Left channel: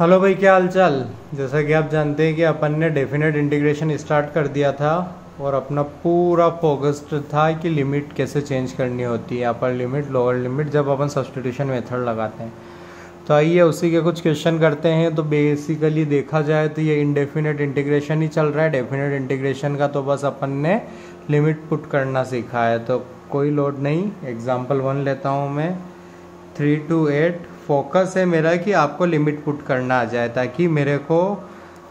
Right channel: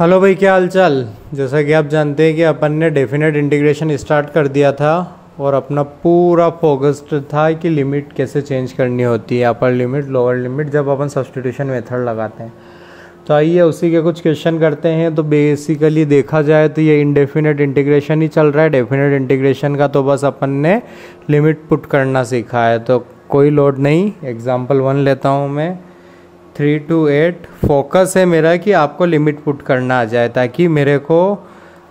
Hello भाई, क्या हाल चाल। जैसा कि आप जानते हैं कि अपन ने डेफिनेट इंटीग्रेशन स्टार्ट कर दिया था और अपना पूरा फोकस्ड था कि लिमिट कैसे चेंज करनी होती है, अपर लिमिट लोअर लिमिट, जब अपन सब्स्टिट्यूशन मेथड लगाते हैं। तो आइए उसी के कुछ क्वेश्चन करते हैं। तो बेसिकली देखा जाए तो ये इंडेफिनेट इंटीग्रेशन ही चल रहा है। डेफिनेट इंटीग्रेशन का तो बस अपन ने लिमिट पुट करना सीखा है, तो कोई लोड नहीं। एग्जाम्पल 1 लेता हूँ मैं, 3 to 8। फोकस है मेरा कि आपको लिमिट पुट करना आ जाए ताकि मेरे को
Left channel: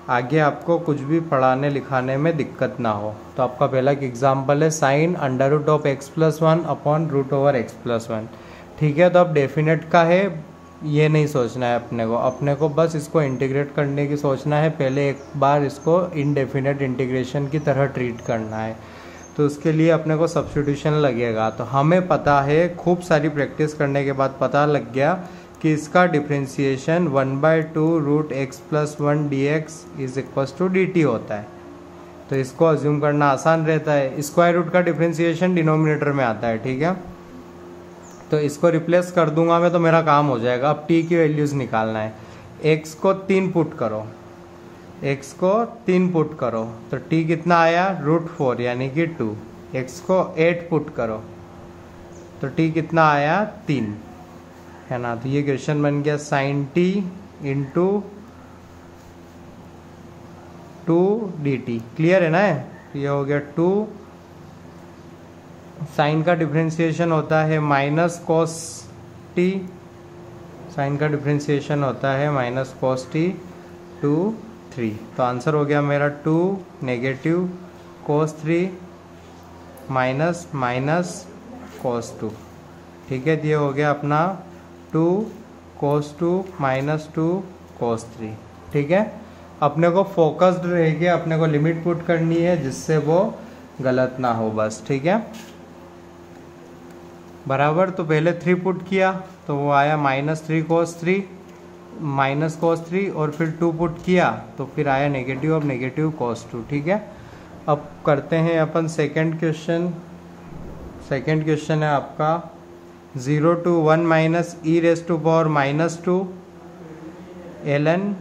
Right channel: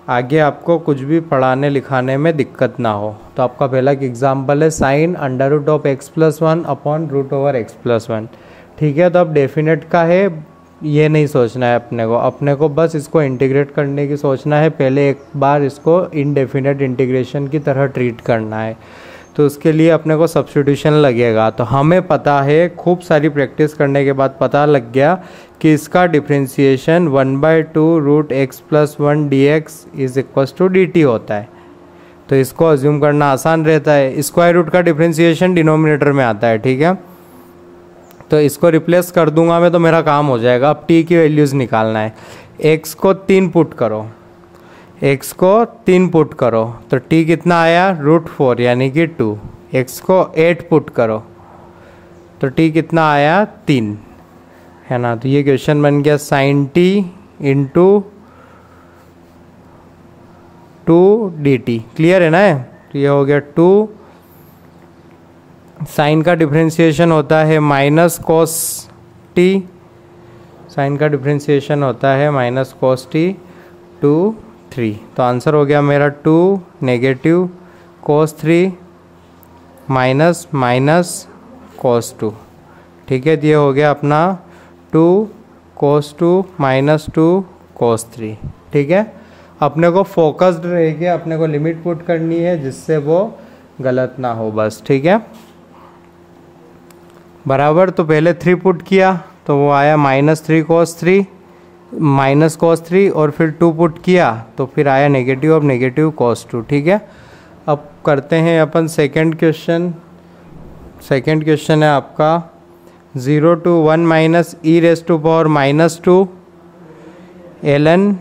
आगे आपको कुछ भी पढ़ाने लिखाने में दिक्कत ना हो। तो आपका पहला एग्जाम्पल है sine under root of x plus 1 upon root over x plus 1। ठीक है, तो अब डेफिनेट का है, ये नहीं सोचना है अपने को बस इसको इंटीग्रेट करने की सोचना है। पहले एक बार इसको इनडेफिनेट इंटीग्रेशन की तरह ट्रीट करना है, तो उसके लिए अपने को सब्स्टिट्यूशन लगेगा। तो हमें पता है, खूब सारी प्रैक्टिस करने के बाद पता लग गया कि इसका differentiation 1/2 root x plus 1 d x is equal to d t होता है। तो इसको अज्यूम करना आसान रहता है। स्क्वायर रूट का डिफ्रेंसिएशन डिनोमिनेटर में आता है, ठीक है। तो इसको रिप्लेस कर दूंगा मैं तो मेरा काम हो जाएगा। अब टी की वैल्यूज़ निकालना है। एक्स को 3 पुट करो, x को 3 पुट करो तो t कितना आया, √4 यानी कि 2। x को 8 पुट करो तो t कितना आया, 3, है ना। तो ये क्वेश्चन बन गया sin t into 2 dt। Clear है ना। तो ये हो गया 2। साइन का डिफ्रेंसिएशन होता है माइनस कॉस टी, साइन का डिफ्रेंसिएशन होता है माइनस कॉस टी 2 3। तो आंसर हो गया मेरा 2 negative cos 3 minus minus cos 2। ठीक है, ये हो गया अपना 2 cos 2 माइनस 2 cos 3। ठीक है, अपने को फोकस्ड रह के अपने को लिमिट पुट करनी है जिससे वो गलत ना हो बस। ठीक है, बराबर। तो पहले 3 पुट किया तो वो आया -3 cos 3 माइनस कॉस 3, और फिर 2 पुट किया तो फिर आया नेगेटिव ऑफ नेगेटिव cos 2। ठीक है, अब करते हैं अपन सेकंड क्वेश्चन। सेकंड क्वेश्चन है आपका 0 to 1 minus e raise to power -2 ln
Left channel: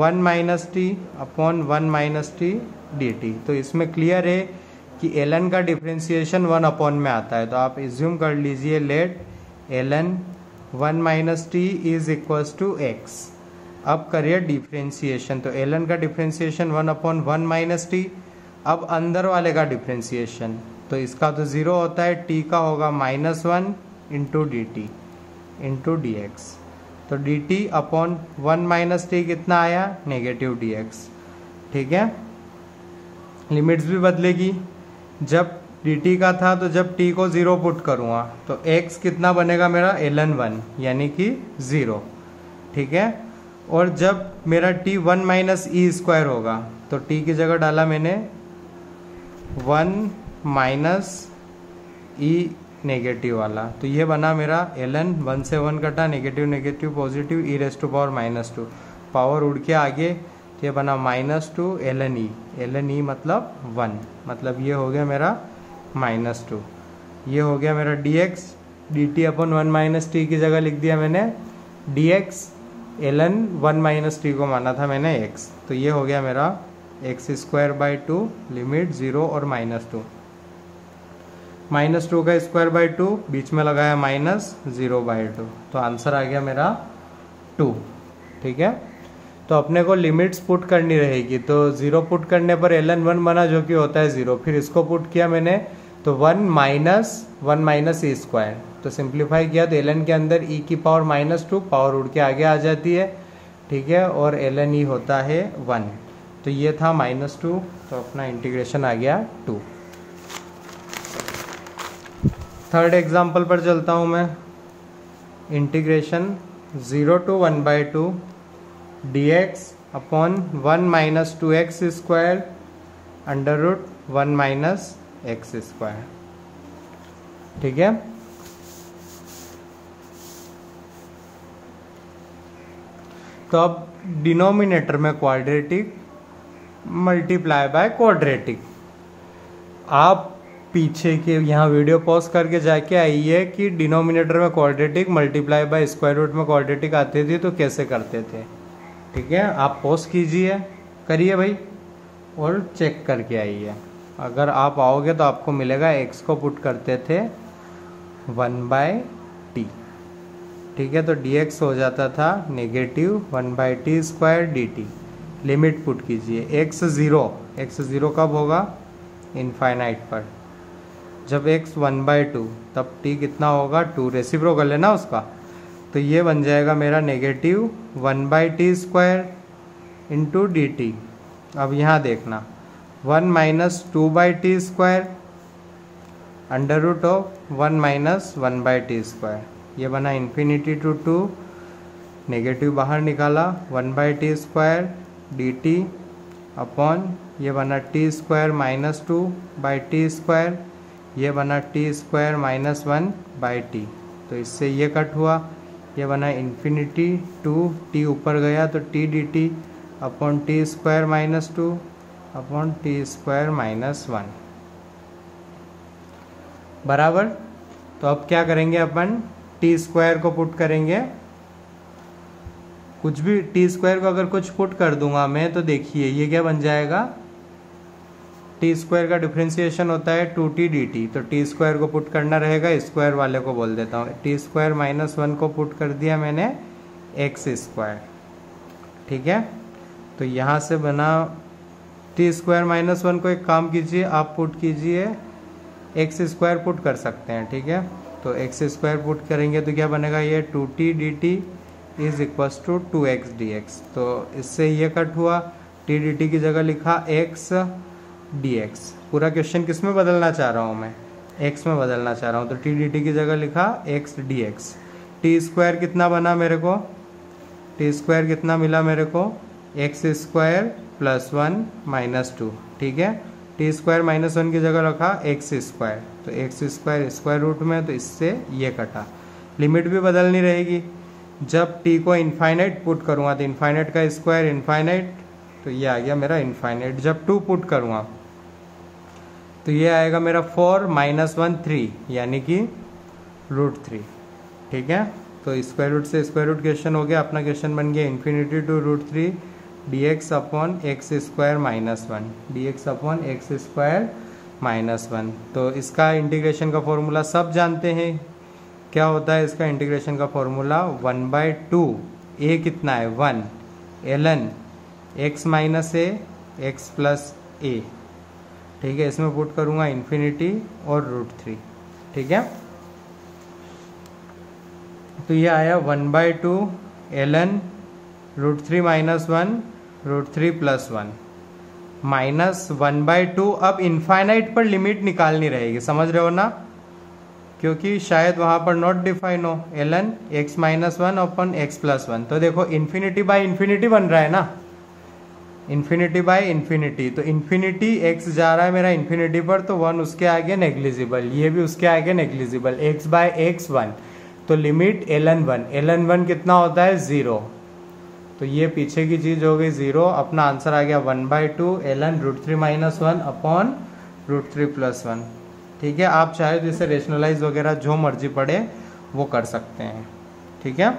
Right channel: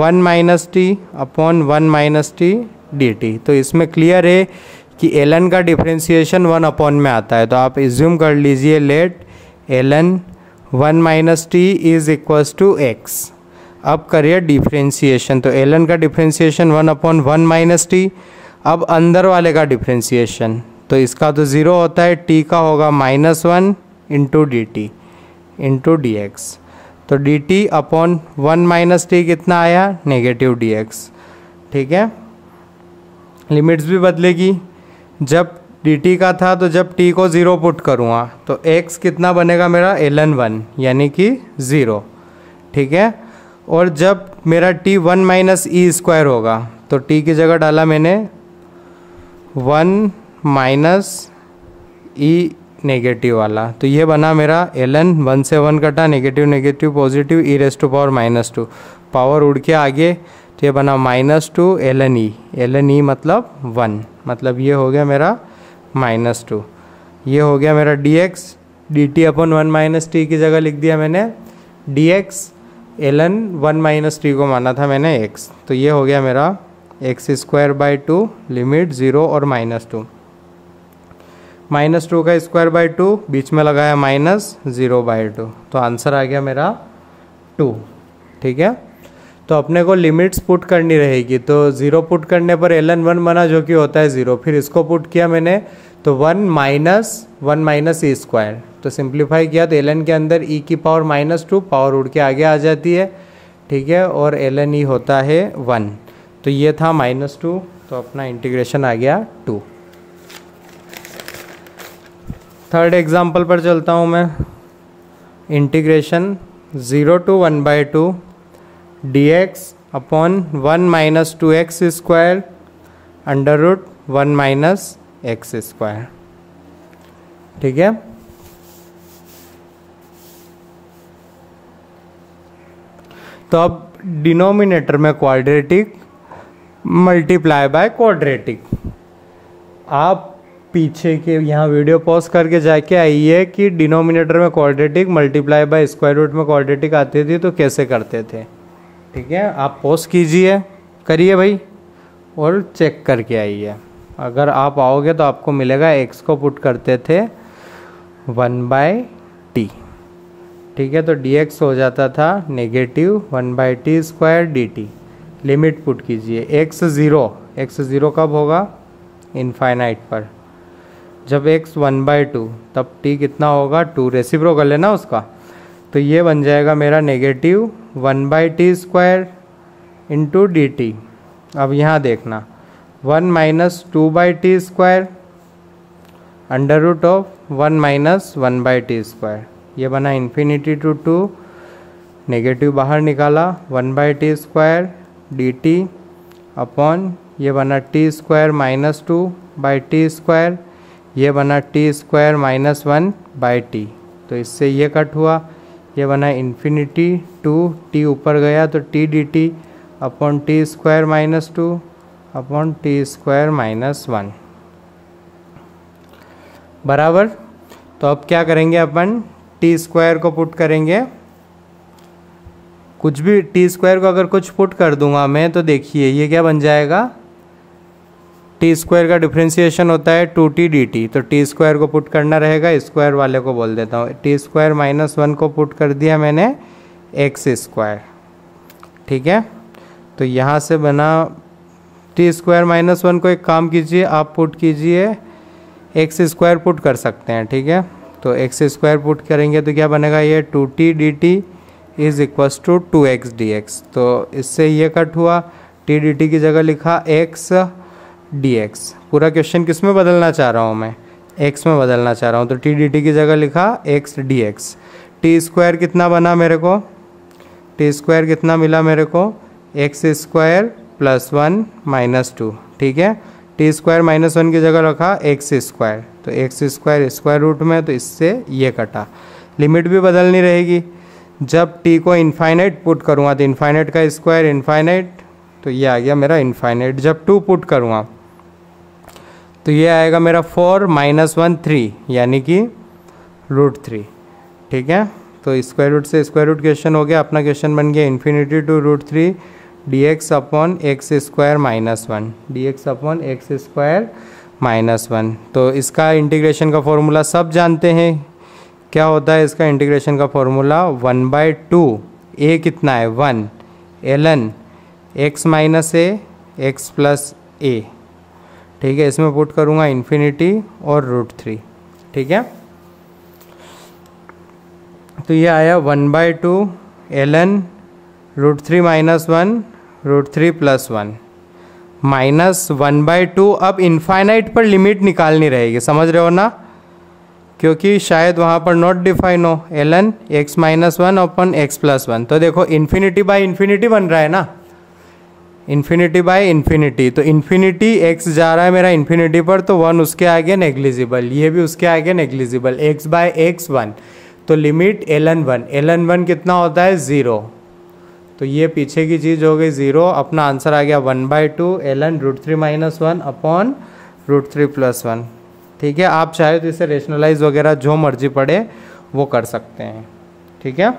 1 minus t upon 1 minus t d t. तो इसमें क्लियर है कि ln का डिफ्रेंसिएशन 1 अपॉन में आता है, तो आप एज्यूम कर लीजिए let ln 1 minus t is equals to x. अब करिए डिफ्रेंसिएशन, तो ln का डिफ्रेंसिएशन 1 अपॉन 1 माइनस टी। अब अंदर वाले का डिफ्रेंसिएशन, तो इसका तो 0 होता है, t का होगा -1 into D T into D X. तो D T upon 1 minus T कितना आया, नेगेटिव डी एक्स। ठीक है, लिमिट्स भी बदलेगी। जब dt का था तो जब t को 0 पुट करूँगा तो x कितना बनेगा मेरा, ln 1 यानी कि 0। ठीक है, और जब मेरा t 1 माइनस ई स्क्वायर होगा तो t की जगह डाला मैंने 1 माइनस ई नेगेटिव वाला, तो ये बना मेरा ln 1 से 1 कटा, negative negative positive e raise to power -2, power उड़ के आगे, तो ये बना -2 ln e मतलब 1, मतलब ये हो गया मेरा -2। ये हो गया मेरा dx, dt upon 1 minus T की जगह लिख दिया मैंने dx, ln 1 माइनस टी को माना था मैंने x। तो ये हो गया मेरा x²/2 लिमिट 0 और -2। -2 का स्क्वायर/2 बीच में लगाया -0/2, तो आंसर आ गया मेरा 2। ठीक है, तो अपने को लिमिट्स पुट करनी रहेगी। तो 0 पुट करने पर ln 1 बना जो कि होता है 0, फिर इसको पुट किया मैंने तो 1 माइनस ई स्क्वायर, तो सिंप्लीफाई किया तो ln के अंदर e की पावर -2 पावर उड़ के आगे आ जाती है। ठीक है, और ln e होता है 1, तो ये था -2, तो अपना इंटीग्रेशन आ गया 2। थर्ड एग्जाम्पल पर चलता हूँ मैं। Integration 0 to 1/2 dx upon 1 minus 2x square under root 1 minus x square. ठीक है, तो अब डिनोमिनेटर में क्वाड्रेटिक मल्टीप्लाई बाय क्वाड्रेटिक। आप पीछे के यहाँ वीडियो पॉज करके जाके आइए कि डिनोमिनेटर में quadratic multiply by square root में क्वाड्रेटिक आती थी तो कैसे करते थे। ठीक है, आप पॉज कीजिए, करिए भाई और चेक करके आइए। अगर आप आओगे तो आपको मिलेगा x को पुट करते थे 1/t, ठीक है, तो dx हो जाता था negative 1/t² dt। Limit put कीजिए x ज़ीरो कब होगा, इनफाइनाइट पर। जब x 1/2 तब t कितना होगा, 2, रेसिप्रोकल है ना उसका, तो ये बन जाएगा मेरा नेगेटिव 1/t² इंटू dt। अब यहाँ देखना 1 - 2/t² under root of 1 - 1/t², ये बना इन्फिनिटी टू 2, नेगेटिव बाहर निकाला 1/t² dt अपॉन ये बना t² - 2/t², ये बना t² - 1/t, तो इससे ये कट हुआ, ये बना इन्फिनिटी टू t ऊपर गया तो t dt upon t² - 2 upon t² - 1 बराबर। तो अब क्या करेंगे अपन, t² को पुट करेंगे, कुछ भी t² को अगर कुछ पुट कर दूंगा मैं तो देखिए ये क्या बन जाएगा, t² का डिफ्रेंसिएशन होता है 2t dt, तो t² को पुट करना रहेगा, स्क्वायर वाले को बोल देता हूँ, t² - 1 को पुट कर दिया मैंने x², ठीक है। तो यहाँ से बना t² - 1 को, एक काम कीजिए आप पुट कीजिए x² पुट कर सकते हैं, ठीक है, तो x² पुट करेंगे तो क्या बनेगा, ये 2t dt is equals to 2x dx, तो इससे ये कट हुआ, t dt की जगह लिखा x dx। पूरा क्वेश्चन किस में बदलना चाह रहा हूँ मैं, x में बदलना चाह रहा हूँ, तो t dt की जगह लिखा x dx। t² कितना बना मेरे को, t² कितना मिला मेरे को, x² + 1 - 2, ठीक है, t² - 1 की जगह रखा x², तो x² स्क्वायर रूट में, तो इससे ये कटा। लिमिट भी बदलनी रहेगी, जब t को इनफाइनाइट पुट करूँगा तो इनफाइनाइट का स्क्वायर इनफाइनाइट, तो ये आ गया मेरा इनफाइनाइट। जब 2 पुट करूँगा तो ये आएगा मेरा 4 - 1 3, यानी कि √3, ठीक है। तो स्क्वायर रूट से स्क्वायर रूट क्वेश्चन हो गया, अपना क्वेश्चन बन गया infinity to √3 dx upon x² - 1, dx upon x² - 1। तो इसका इंटीग्रेशन का फॉर्मूला सब जानते हैं, क्या होता है इसका इंटीग्रेशन का फॉर्मूला, 1/2 a कितना है 1 ln x - a x + a, ठीक है, इसमें पुट करूँगा इन्फिनिटी और √3, ठीक है। तो ये आया 1/2 ln √3 - 1 √3 + 1 माइनस 1/2। अब इनफाइनाइट पर लिमिट निकालनी रहेगी, समझ रहे हो ना, क्योंकि शायद वहाँ पर नॉट डिफाइन हो, ln x - 1 अपॉन x + 1, तो देखो इन्फिनिटी बाय इन्फिनिटी बन रहा है ना, इन्फिनिटी बाय इन्फिनिटी, तो इन्फिनिटी x जा रहा है मेरा इन्फिनिटी पर, तो 1 उसके आगे नेग्लिजिबल, ये भी उसके आगे नेग्लिजिबल, x/x 1, तो लिमिट ln 1 कितना होता है 0, तो ये पीछे की चीज़ हो गई 0, अपना आंसर आ गया 1/2 ln √3 - 1 अपॉन √3 + 1, ठीक है। आप चाहे तो इसे रेशनलाइज वगैरह जो मर्जी पड़े वो कर सकते हैं, ठीक है।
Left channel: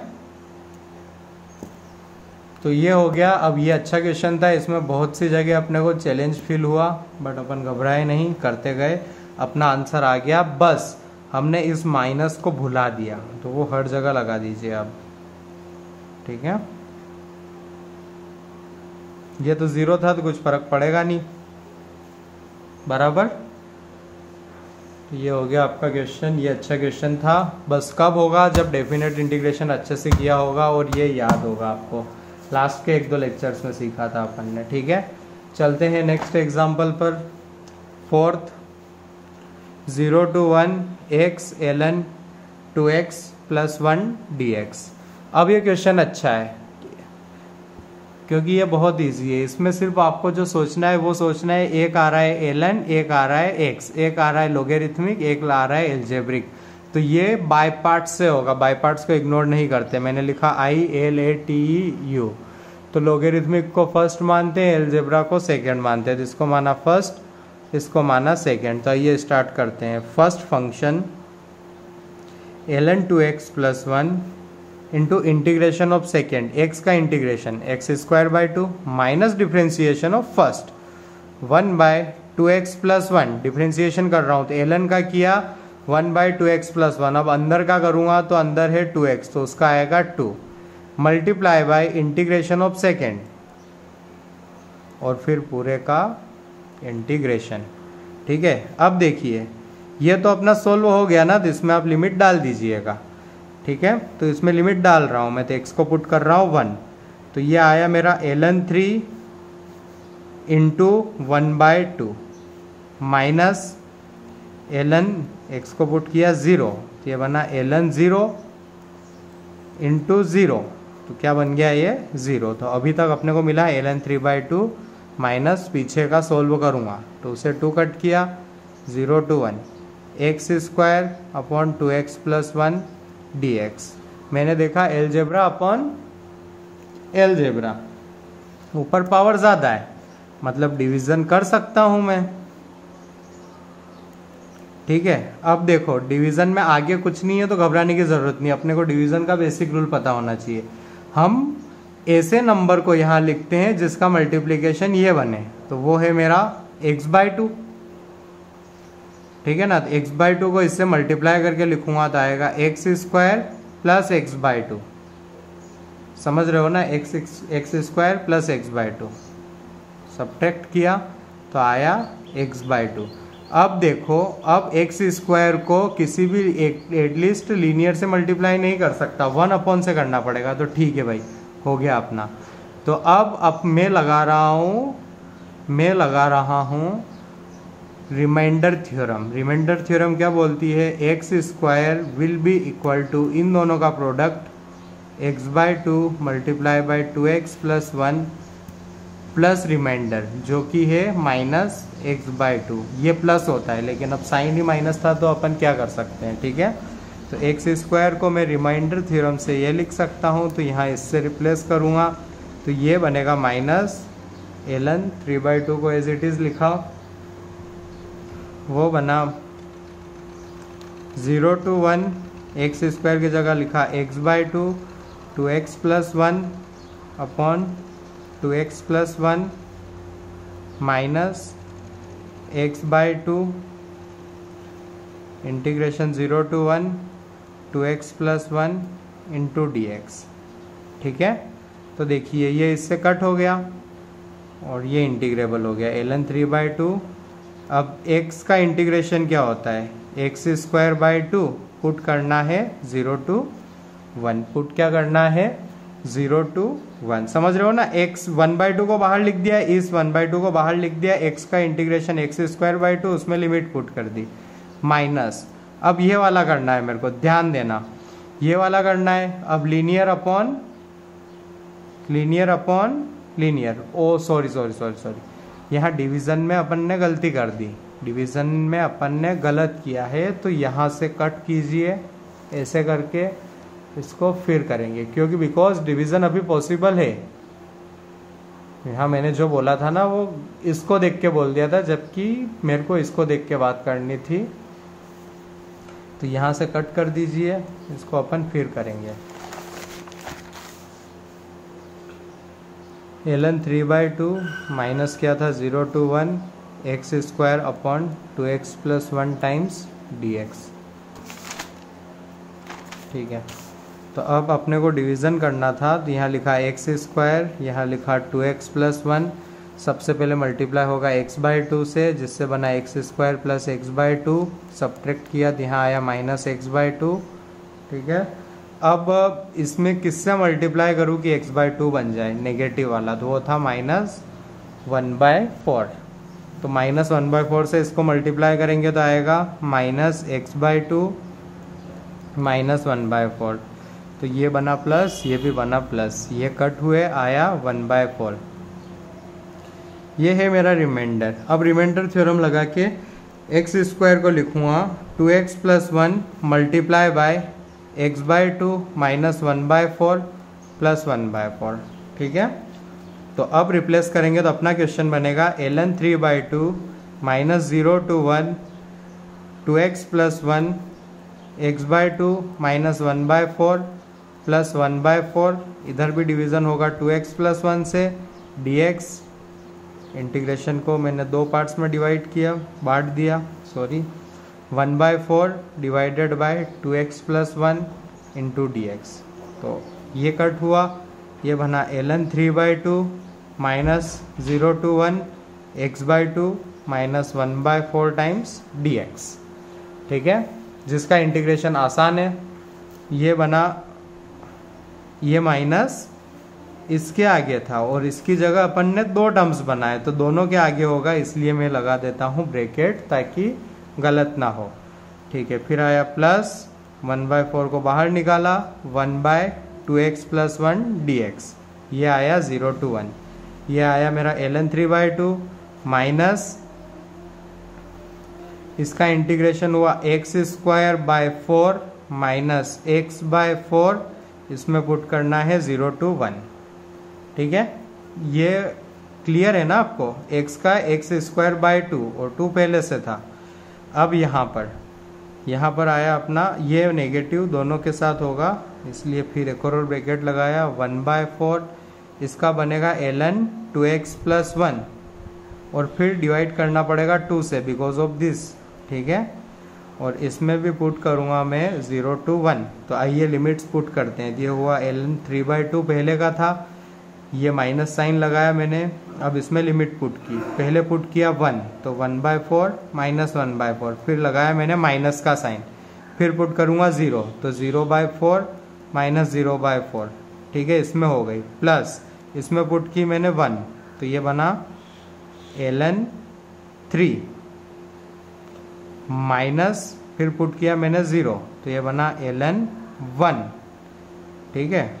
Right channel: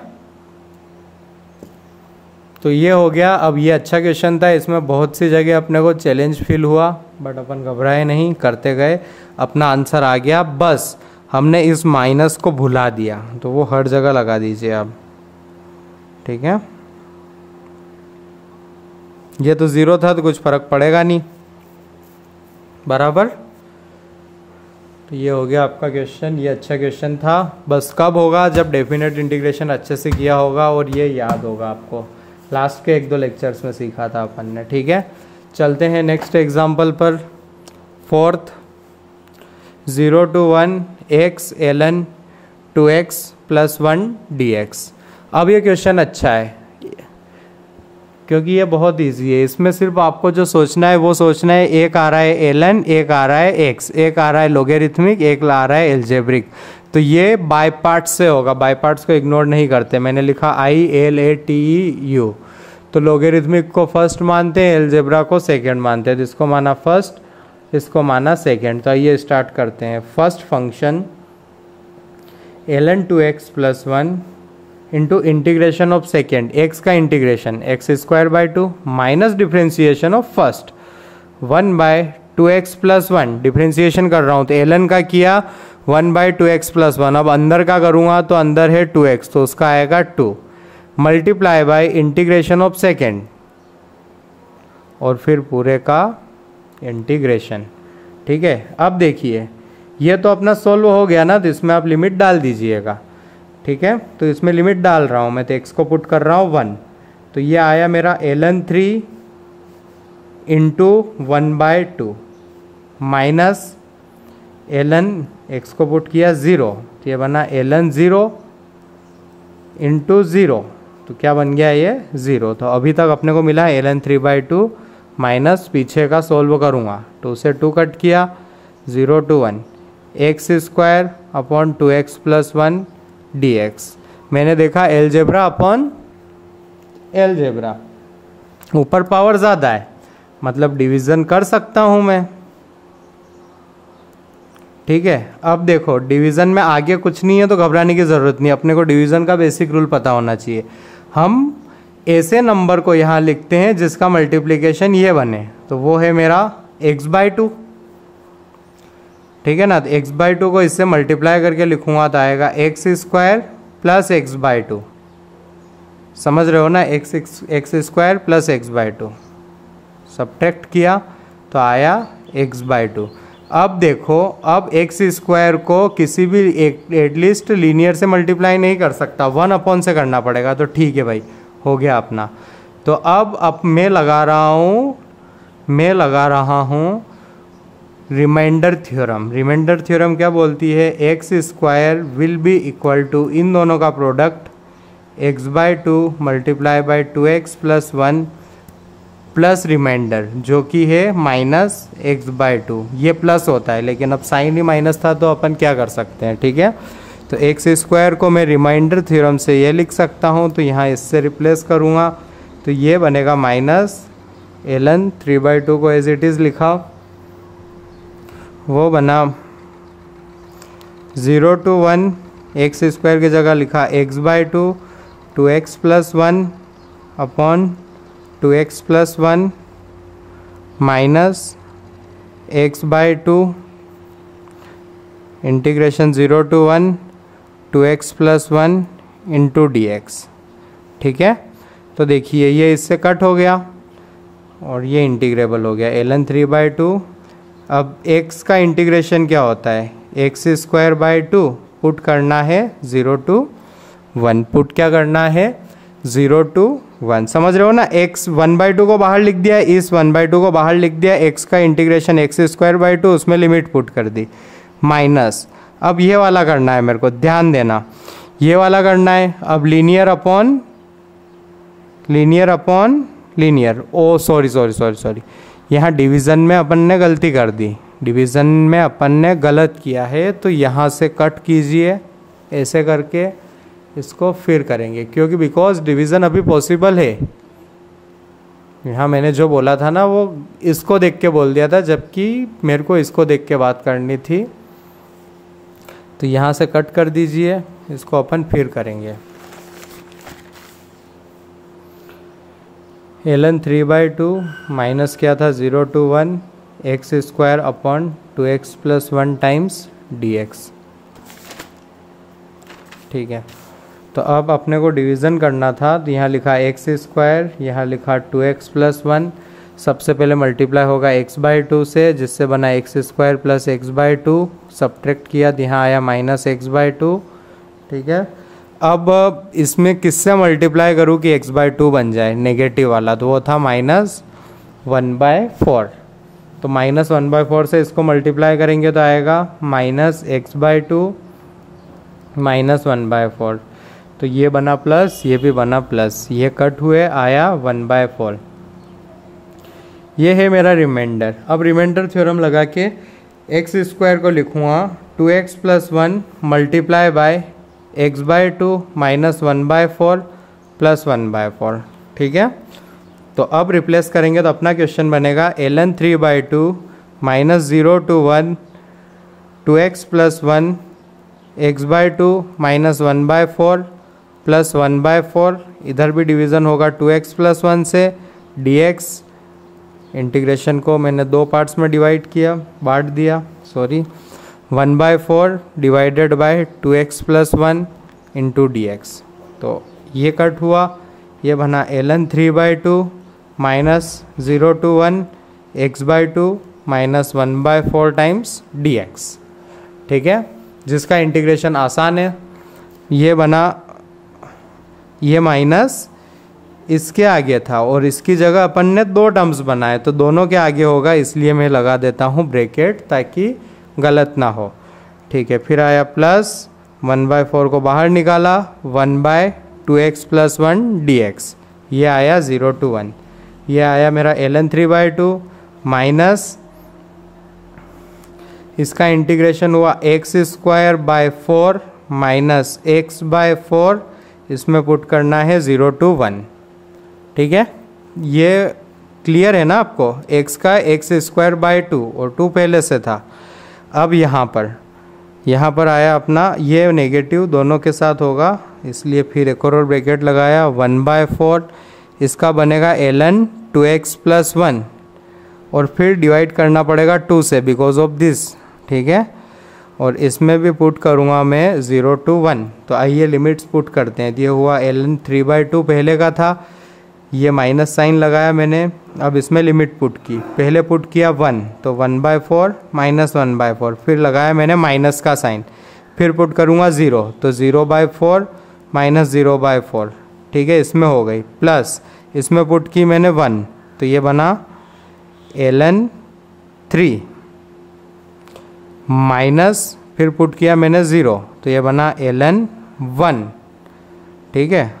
तो ये हो गया। अब ये अच्छा क्वेश्चन था, इसमें बहुत सी जगह अपने को चैलेंज फील हुआ, बट अपन घबराए नहीं, करते गए, अपना आंसर आ गया। बस हमने इस माइनस को भुला दिया, तो वो हर जगह लगा दीजिए आप, ठीक है। ये तो 0 था तो कुछ फर्क पड़ेगा नहीं, बराबर। तो ये हो गया आपका क्वेश्चन, ये अच्छा क्वेश्चन था। बस कब होगा, जब डेफिनेट इंटीग्रेशन अच्छे से किया होगा और ये याद होगा आपको, लास्ट के 1-2 लेक्चर्स में सीखा था अपन ने, ठीक है। चलते हैं नेक्स्ट एग्जांपल पर। 4th 0 to 1 x ln 2x + 1 dx। अब ये क्वेश्चन अच्छा है क्योंकि ये बहुत इजी है, इसमें सिर्फ आपको जो सोचना है वो सोचना है, एक आ रहा है ln, एक आ रहा है x, एक आ रहा है लोगेरिथमिक, एक आ रहा है एल्जेब्रिक। तो ये बाय पार्ट्स से होगा, बाय पार्ट्स को इग्नोर नहीं करते, मैंने लिखा ILATEU। तो लोगेरिथमिक को फर्स्ट मानते हैं, एल्जेब्रा को सेकंड मानते हैं, जिसको माना फर्स्ट इसको माना सेकंड। तो आइए स्टार्ट करते हैं। First function ln 2x + 1 into integration of second, X का integration X square by two minus differentiation of first 1/2x plus 1, differentiation कर रहा हूँ तो ln का किया 1/2x प्लस 1, अब अंदर का करूँगा तो अंदर है 2x तो उसका आएगा 2 multiply by integration of second और फिर पूरे का इंटीग्रेशन। ठीक है, अब देखिए ये तो अपना सोल्व हो गया ना, तो इसमें आप लिमिट डाल दीजिएगा। ठीक है, तो इसमें लिमिट डाल रहा हूँ मैं, तो x को पुट कर रहा हूँ 1, तो ये आया मेरा ln 3 into 1/2 minus ln x को पुट किया 0, तो ये बना ln 0 इंटू 0, तो क्या बन गया ये 0। तो अभी तक अपने को मिला ln 3/2 माइनस पीछे का सोल्व करूँगा, 2 से 2 कट किया 0 to 1 x square upon 2x plus 1 dx। मैंने देखा एलजेब्रा अपॉन एलजेब्रा, ऊपर पावर ज़्यादा है मतलब डिवीज़न कर सकता हूँ मैं। ठीक है, अब देखो डिवीज़न में आगे कुछ नहीं है तो घबराने की ज़रूरत नहीं, अपने को डिवीज़न का बेसिक रूल पता होना चाहिए। हम ऐसे नंबर को यहाँ लिखते हैं जिसका मल्टीप्लिकेशन ये बने, तो वो है मेरा x/2। ठीक है ना, तो x/2 को इससे मल्टीप्लाई करके लिखूंगा तो आएगा एक्स स्क्वायर प्लस x/2, समझ रहे हो ना, x square plus x/2 subtract किया तो आया x/2। अब देखो, अब एक्स स्क्वायर को किसी भी एटलीस्ट लीनियर से मल्टीप्लाई नहीं कर सकता, 1 अपॉन से करना पड़ेगा, तो ठीक है भाई हो गया अपना। तो अब मैं लगा रहा हूँ रिमाइंडर थ्योरम। रिमाइंडर थ्योरम क्या बोलती है, X square will be equal to इन दोनों का product x/2 multiply by 2x plus 1 plus reminder जो कि है माइनस x/2। ये प्लस होता है लेकिन अब साइन ही माइनस था तो अपन क्या कर सकते हैं। ठीक है, तो एक्स स्क्वायर को मैं रिमाइंडर थ्योरम से ये लिख सकता हूँ, तो यहाँ इससे रिप्लेस करूँगा तो ये बनेगा माइनस ln 3/2 को एज इट इज़ लिखा, वो बना 0 to 1 एक्स स्क्वायर की जगह लिखा x/2 2x plus 1 upon 2x plus 1 minus x/2 integration 0 to 1 2x plus 1 into dx। ठीक है, तो देखिए ये इससे कट हो गया और ये इंटीग्रेबल हो गया ln 3/2। अब x का इंटीग्रेशन क्या होता है, एक्स स्क्वायर बाई 2 पुट करना है 0 to 1, पुट क्या करना है 0 to 1, समझ रहे हो ना। x 1/2 को बाहर लिख दिया, इस 1/2 को बाहर लिख दिया, x का इंटीग्रेशन एक्स स्क्वायर बाई 2 उसमें लिमिट पुट कर दी माइनस। अब ये वाला करना है मेरे को, ध्यान देना ये वाला करना है। अब लीनियर अपॉन लीनियर, ओ सॉरी यहाँ डिवीज़न में अपन ने गलती कर दी, डिवीज़न में अपन ने गलत किया है, तो यहाँ से कट कीजिए ऐसे करके, इसको फिर करेंगे क्योंकि बिकॉज डिवीज़न अभी पॉसिबल है। यहाँ मैंने जो बोला था ना वो इसको देख के बोल दिया था, जबकि मेरे को इसको देख के बात करनी थी, तो यहाँ से कट कर दीजिए, इसको अपन फिर करेंगे। ln 3/2 माइनस क्या था 0 to 1 x square upon 2x plus 1 times dx। ठीक है, तो अब अपने को डिवीज़न करना था, तो यहाँ लिखा एक्स स्क्वायर, यहाँ लिखा 2x प्लस 1, सबसे पहले मल्टीप्लाई होगा x/2 से जिससे बना x square plus x/2, subtract किया तो यहाँ आया माइनस x/2। ठीक है, अब इसमें किससे मल्टीप्लाई करूँ कि x/2 बन जाए नेगेटिव वाला, तो वो था -1/4, तो -1/4 से इसको मल्टीप्लाई करेंगे तो आएगा -x/2 -1/4, तो ये बना प्लस, ये भी बना प्लस, ये कट हुए आया 1/4। ये है मेरा रिमाइंडर। अब रिमाइंडर थ्योरम लगा के एक्स स्क्वायर को लिखूँगा 2x plus 1 multiply by x/2 -1/4 plus 1/4। ठीक है, तो अब रिप्लेस करेंगे तो अपना क्वेश्चन बनेगा ln 3/2 -0 to 1 2x plus 1 x/2 -1/4 plus 1/4, इधर भी डिवीज़न होगा 2x प्लस 1 से, dx इंटीग्रेशन को मैंने दो पार्ट्स में डिवाइड किया, बांट दिया, 1/4 divided by 2x plus 1 into dx। तो ये कट हुआ, ये बना ln 3/2 minus 0 to 1 x/2 minus 1/4 times dx। ठीक है, जिसका इंटीग्रेशन आसान है। ये बना, ये माइनस इसके आगे था और इसकी जगह अपन ने दो टर्म्स बनाए, तो दोनों के आगे होगा, इसलिए मैं लगा देता हूँ ब्रैकेट ताकि गलत ना हो। ठीक है, फिर आया प्लस 1/4 को बाहर निकाला, 1/2x प्लस 1 dx, ये आया 0 to 1। ये आया मेरा ln 3/2 माइनस इसका इंटीग्रेशन हुआ x² 4 माइनस x/4, इसमें पुट करना है 0 to 1। ठीक है, ये क्लियर है ना आपको, x का x² 2 और 2 पहले से था। अब यहाँ पर आया अपना, ये नेगेटिव दोनों के साथ होगा, इसलिए फिर एक और ब्रैकेट लगाया, 1/4 इसका बनेगा ln 2x प्लस 1 और फिर डिवाइड करना पड़ेगा 2 से बिकॉज ऑफ दिस। ठीक है, और इसमें भी पुट करूँगा मैं 0 to 1। तो आइए लिमिट्स पुट करते हैं। ये हुआ ln 3/2 पहले का था, ये माइनस साइन लगाया मैंने, अब इसमें लिमिट पुट की, पहले पुट किया 1, तो 1/4 माइनस 1/4, फिर लगाया मैंने माइनस का साइन, फिर पुट करूँगा 0, तो 0/4 माइनस 0/4। ठीक है, इसमें हो गई, प्लस इसमें पुट की मैंने 1, तो ये बना ln 3 माइनस फिर पुट किया मैंने 0, तो ये बना ln 1। ठीक है,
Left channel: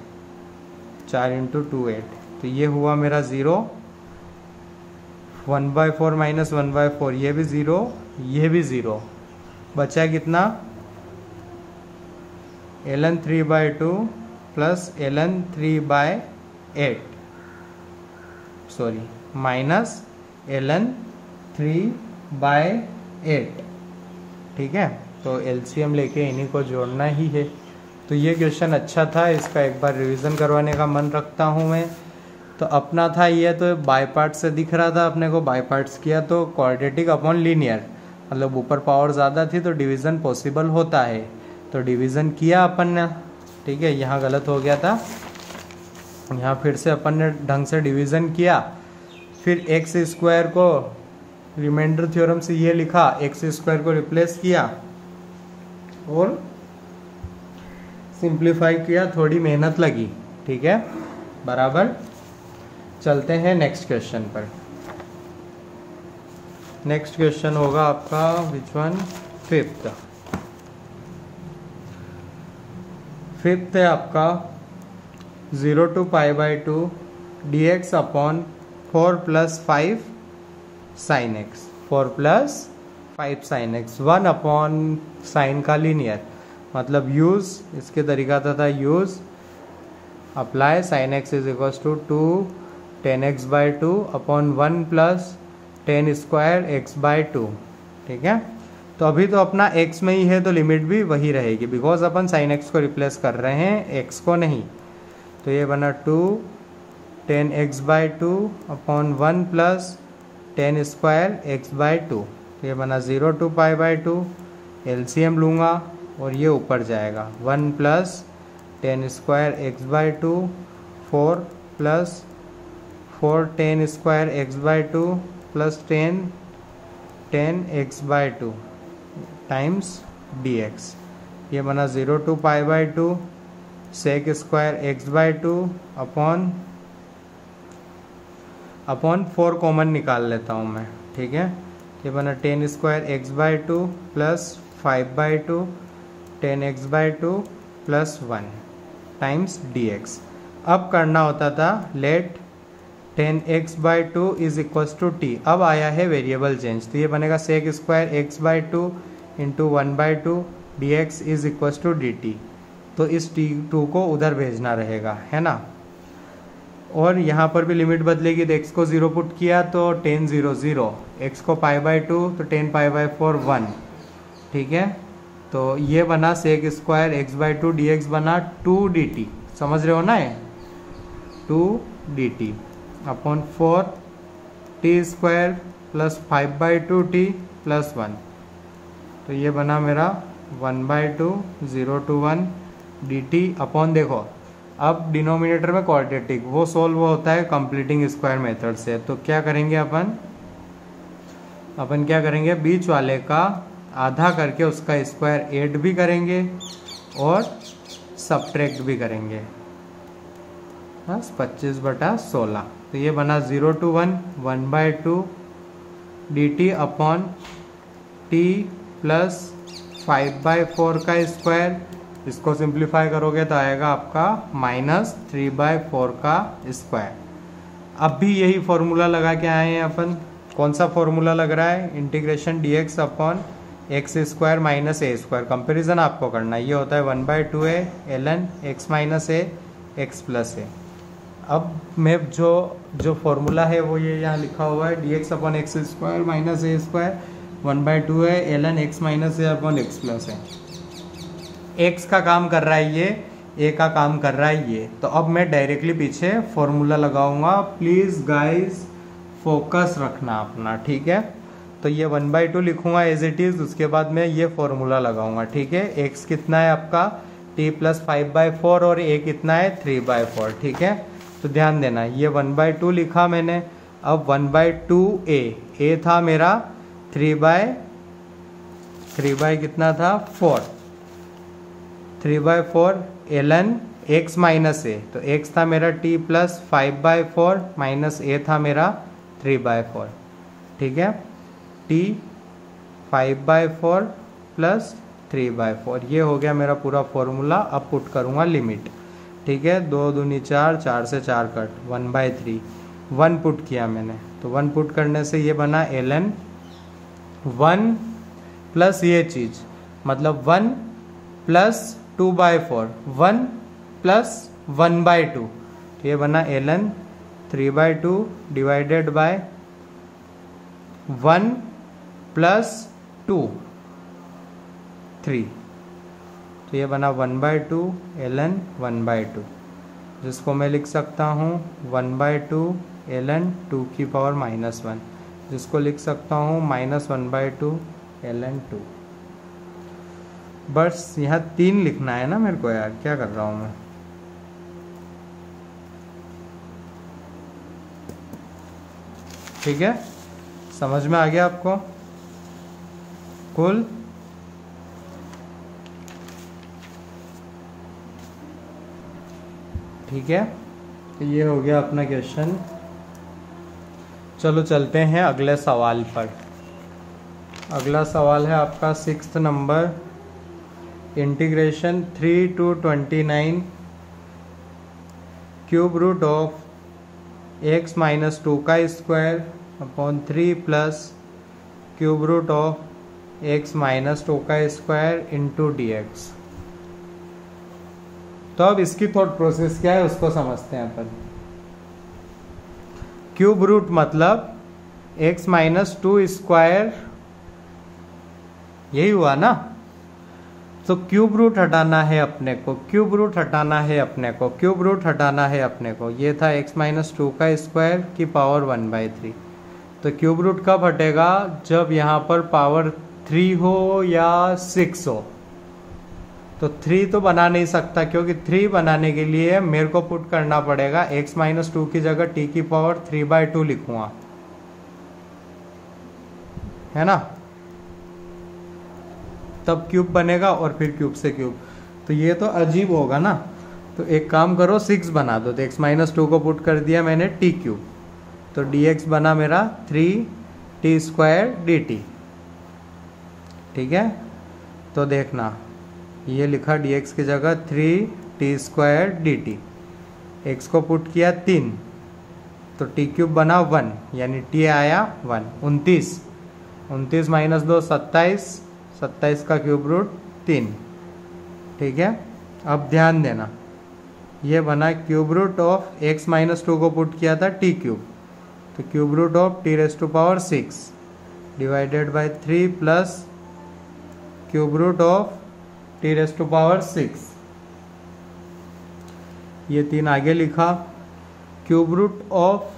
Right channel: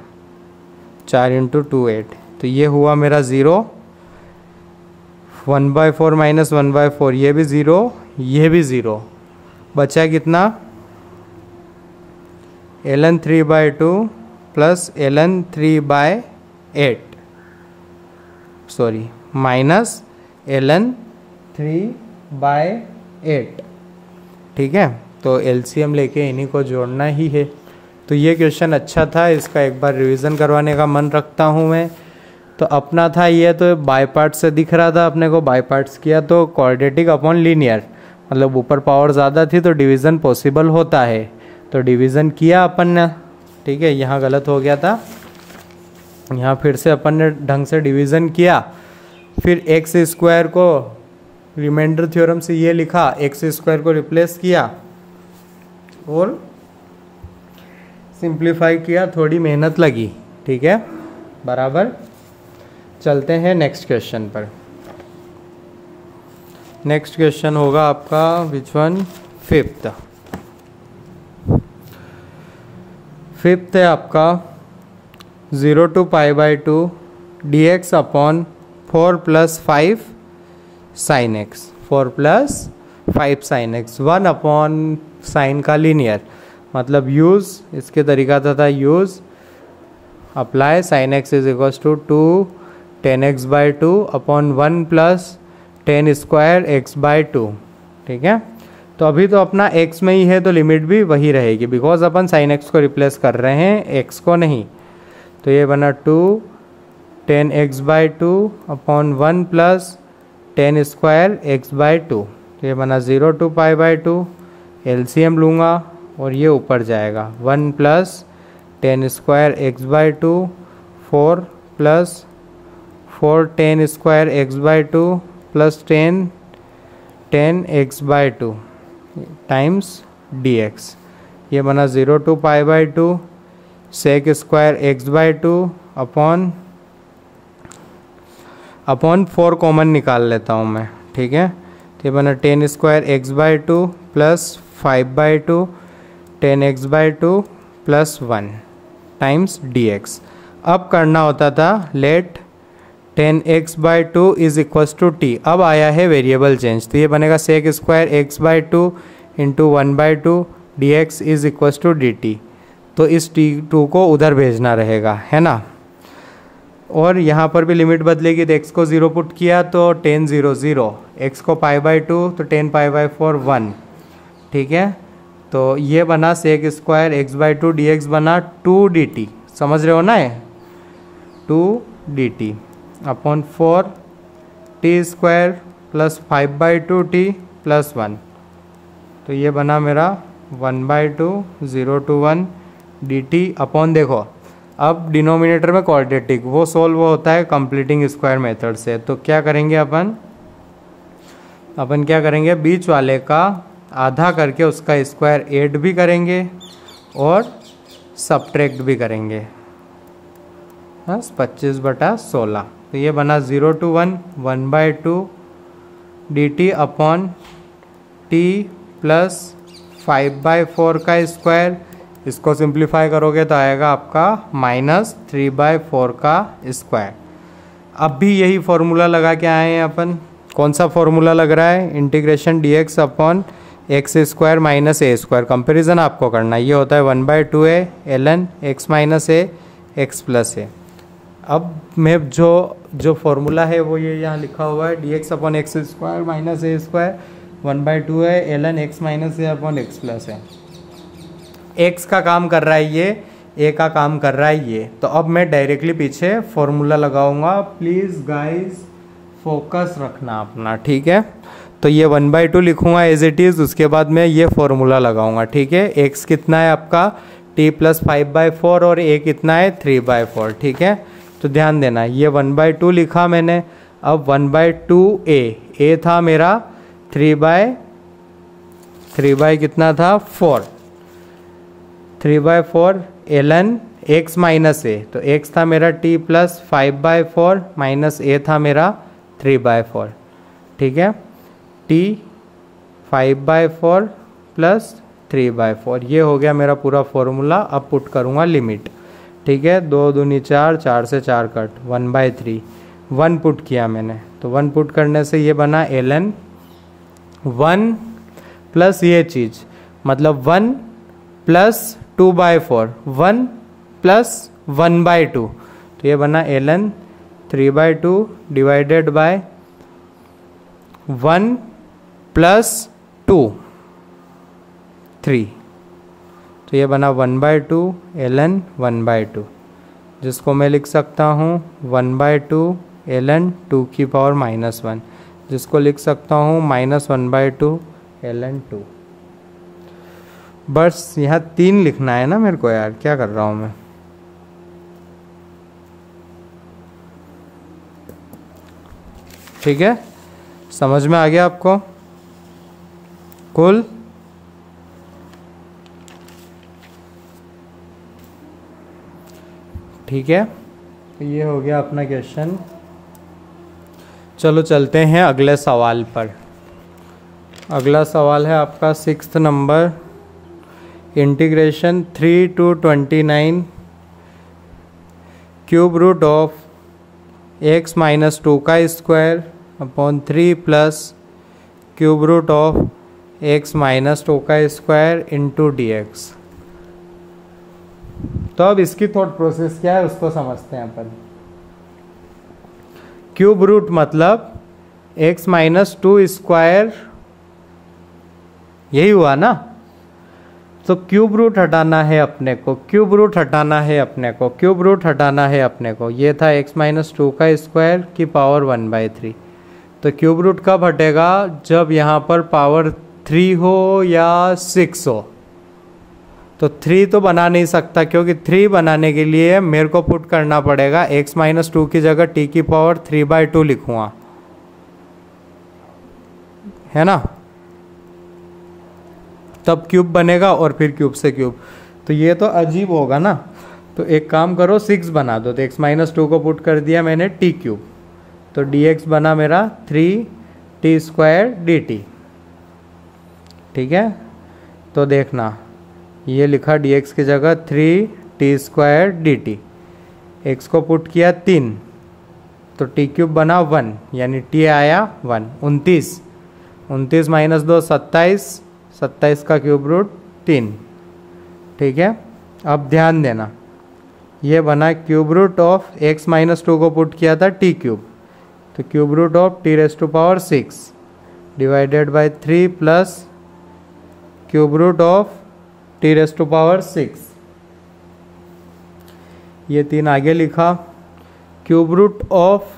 4 × 2 8, तो ये हुआ मेरा 0, 1/4 माइनस 1/4, ये भी 0, ये भी 0, बचा कितना ln 3/2 plus ln 3/8 minus ln 3/8। ठीक है, तो एलसीएम लेके इन्हीं को जोड़ना ही है। तो ये क्वेश्चन अच्छा था, इसका एक बार रिवीजन करवाने का मन रखता हूँ मैं। तो अपना था ये, तो बाय पार्ट्स से दिख रहा था, अपने को बाय पार्ट्स किया तो क्वाड्रेटिक अपॉन लीनियर, मतलब ऊपर पावर ज़्यादा थी तो डिवीज़न पॉसिबल होता है, तो डिवीज़न किया अपन ने। ठीक है, यहाँ गलत हो गया था, यहाँ फिर से अपन ने ढंग से डिवीज़न किया, फिर x² को रिमाइंडर थ्योरम से ये लिखा, x² को रिप्लेस किया और सिंप्लीफाई किया, थोड़ी मेहनत लगी। ठीक है, बराबर। चलते हैं नेक्स्ट क्वेश्चन पर। नेक्स्ट क्वेश्चन होगा आपका विच वन, फिफ्थ है आपका 0 to π/2 dx upon 4 + 5 sin x, 4 + 5 sin x, 1 upon sine का लीनियर, मतलब यूज, इसके तरीका था use apply sin x is equal to 2 10x/2 upon 1 + 10² x/2। ठीक है, तो अभी तो अपना x में ही है तो लिमिट भी वही रहेगी, बिकॉज अपन sin x को रिप्लेस कर रहे हैं, x को नहीं। तो ये बना 2 10x/2 अपॉन 1 + 10² x/2, तो ये बना 0 to π/2। एलसीएम लूँगा और ये ऊपर जाएगा, 1 + 10² x/2, 4 + 4 10² x/2 plus 10 x/2 times dx, ये बना 0 to π/2 sec² x/2 upon 4 common निकाल लेता हूँ मैं। ठीक है, तो ये बना 10² x/2 plus 5/2 10x/2 plus 1 times dx। अब करना होता था let 10x/2 is equals to t, अब आया है वेरिएबल चेंज, तो ये बनेगा sec² x/2 into 1/2 dx is equals to dt। तो इस t2 को उधर भेजना रहेगा, है ना। और यहाँ पर भी लिमिट बदलेगी, तो x को 0 पुट किया तो 10 0 0, x को π/2 तो 10 π/4 1। ठीक है, तो ये बना sec square x by two d x बना 2 dt, समझ रहे हो ना, ये 2 dt upon 4 t square plus 5/2t plus 1। तो ये बना मेरा 1/2 0 to 1 dt अपॉन, देखो अब डिनोमिनेटर में क्वाड्रेटिक वो सोल्व होता है कंप्लीटिंग स्क्वायर मेथड से। तो क्या करेंगे अपन क्या करेंगे, बीच वाले का आधा करके उसका स्क्वायर 8 भी करेंगे और सब्ट्रैक्ट भी करेंगे, बस 25/16। तो ये बना 0 to 1 1/2 dt upon t plus 5/4 का स्क्वायर, इसको सिंप्लीफाई करोगे तो आएगा आपका -3/4 का स्क्वायर। अब भी यही फॉर्मूला लगा के आए हैं अपन। कौन सा फॉर्मूला लग रहा है, integration dx upon x square minus A square. Comparison आपको करना है, ये होता है 1/2a ln x minus A X plus A. अब मैं जो फॉर्मूला है वो ये यहाँ लिखा हुआ है, dx upon x square minus A square 1/2a ln x minus A upon X plus A. x का काम कर रहा है ये, a का काम कर रहा है ये। तो अब मैं डायरेक्टली पीछे फॉर्मूला लगाऊंगा, प्लीज़ गाइस फोकस रखना अपना, ठीक है। तो ये 1/2 लिखूंगा एज इट इज़, उसके बाद मैं ये फॉर्मूला लगाऊंगा, ठीक है। x कितना है आपका t प्लस 5/4 और a कितना है 3/4, ठीक है। तो ध्यान देना, ये 1/2 लिखा मैंने। अब 1/2a, a था मेरा 3/3 कितना था 4, 3/4 ln x माइनस ए। तो x था मेरा t प्लस 5/4 माइनस a था मेरा 3/4, ठीक है। t 5/4 प्लस 3/4, ये हो गया मेरा पूरा फॉर्मूला। अब पुट करूँगा लिमिट, ठीक है। 2 दूनी 4, 4 से 4 कट, 1/3 1 पुट किया मैंने। तो 1 पुट करने से ये बना ln 1 प्लस ये चीज़, मतलब 1 प्लस 2/4, 1 प्लस 1/2। तो ये बना ln 3/2 डिवाइडेड बाय 1 प्लस 2 3। तो ये बना 1/2 ln 1/2, जिसको मैं लिख सकता हूँ 1/2 ln 2 की पावर -1, जिसको लिख सकता हूँ -1/2 ln 2। बस यहाँ 3 लिखना है ना मेरे को, यार क्या कर रहा हूँ मैं। ठीक है, समझ में आ गया आपको कुल। ठीक है, तो ये हो गया अपना क्वेश्चन। चलो चलते हैं अगले सवाल पर। अगला सवाल है आपका 6th number, integration 3 to 29 cube root of x minus 2 का square upon 3 plus cube root of x minus 2 का स्क्वायर इंटू dx। तो अब इसकी थॉट प्रोसेस क्या है उसको समझते हैं अपन। क्यूब रूट मतलब x माइनस 2 स्क्वायर, यही हुआ ना। तो क्यूब रूट हटाना है अपने को, क्यूब रूट हटाना है अपने को, क्यूब रूट हटाना है अपने को। ये था x माइनस 2 का स्क्वायर की पावर 1/3। तो क्यूब रूट कब हटेगा, जब यहाँ पर पावर 3 हो या 6 हो। तो 3 तो बना नहीं सकता, क्योंकि 3 बनाने के लिए मेरे को पुट करना पड़ेगा x माइनस 2 की जगह t की पावर 3/2 लिखूंगा, है ना, तब क्यूब बनेगा और फिर क्यूब से क्यूब। तो ये तो अजीब होगा ना। तो एक काम करो 6 बना दो। तो x माइनस 2 को पुट कर दिया मैंने t क्यूब, तो dx बना मेरा 3t स्क्वायर dt। ठीक है, तो देखना ये लिखा dx की जगह 3t स्क्वायर dt। x को पुट किया 3, तो t क्यूब बना 1, यानी t आया 1। 29 माइनस 2 27 का क्यूब रूट 3। ठीक है, अब ध्यान देना, ये बना cube root of x minus 2 को पुट किया था t क्यूब, तो cube root of t raise to power 6 divided by 3 plus cube root of t raise to power 6, ये 3 आगे लिखा, क्यूब रूट ऑफ,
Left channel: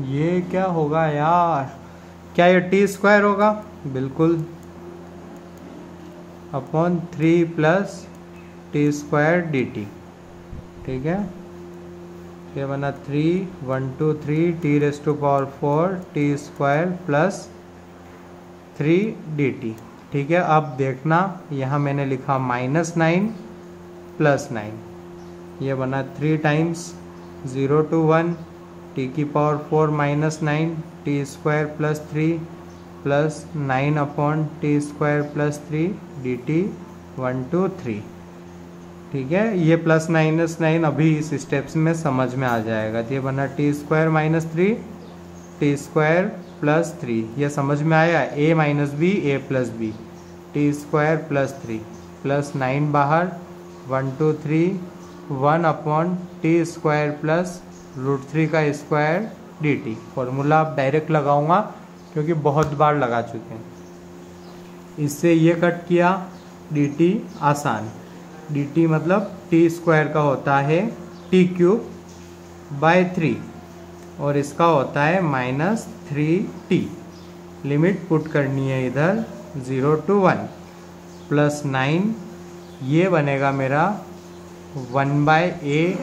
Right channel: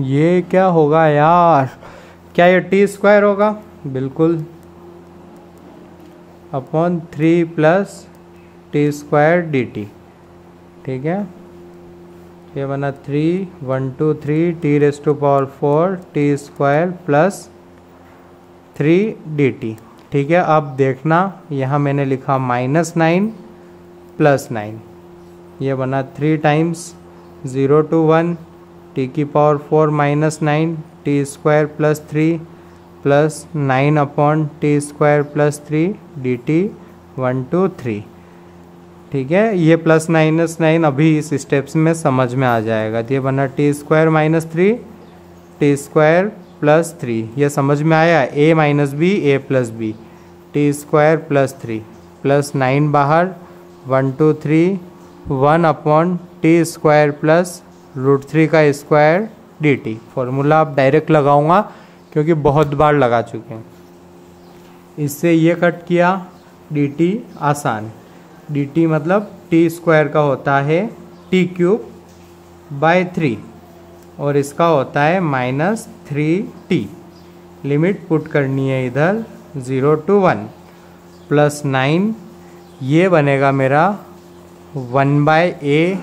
ये क्या होगा यार, क्या ये टी स्क्वायर होगा, बिल्कुल, upon 3 plus t square d t, ठीक है। ये बना 3 1 2 3 t raise to power 4 t square plus 3 d t, ठीक है। अब देखना यहाँ मैंने लिखा -9 प्लस 9, ये बना 3 टाइम्स 0 to 1 टी की power 4 -9 T square plus 3 plus 9 upon T square plus 3 d T 1 2 3, ठीक है। ये प्लस -9 अभी इस स्टेप्स में समझ में आ जाएगा। तो ये बना t square -3 t square plus 3, ये समझ में आया, a minus b a plus b, t square plus 3 plus 9 बाहर 1 2 3 1 अपॉन टी स्क्वायर प्लस √3 का स्क्वायर डी टी। फॉर्मूला आप डायरेक्ट लगाऊंगा क्योंकि बहुत बार लगा चुके हैं। इससे ये कट किया, डी टी आसान, डी टी मतलब टी स्क्वायर का होता है टी क्यूब बाय 3 और इसका होता है -3t। लिमिट पुट करनी है इधर 0 to 1 प्लस 9, ये बनेगा मेरा 1/a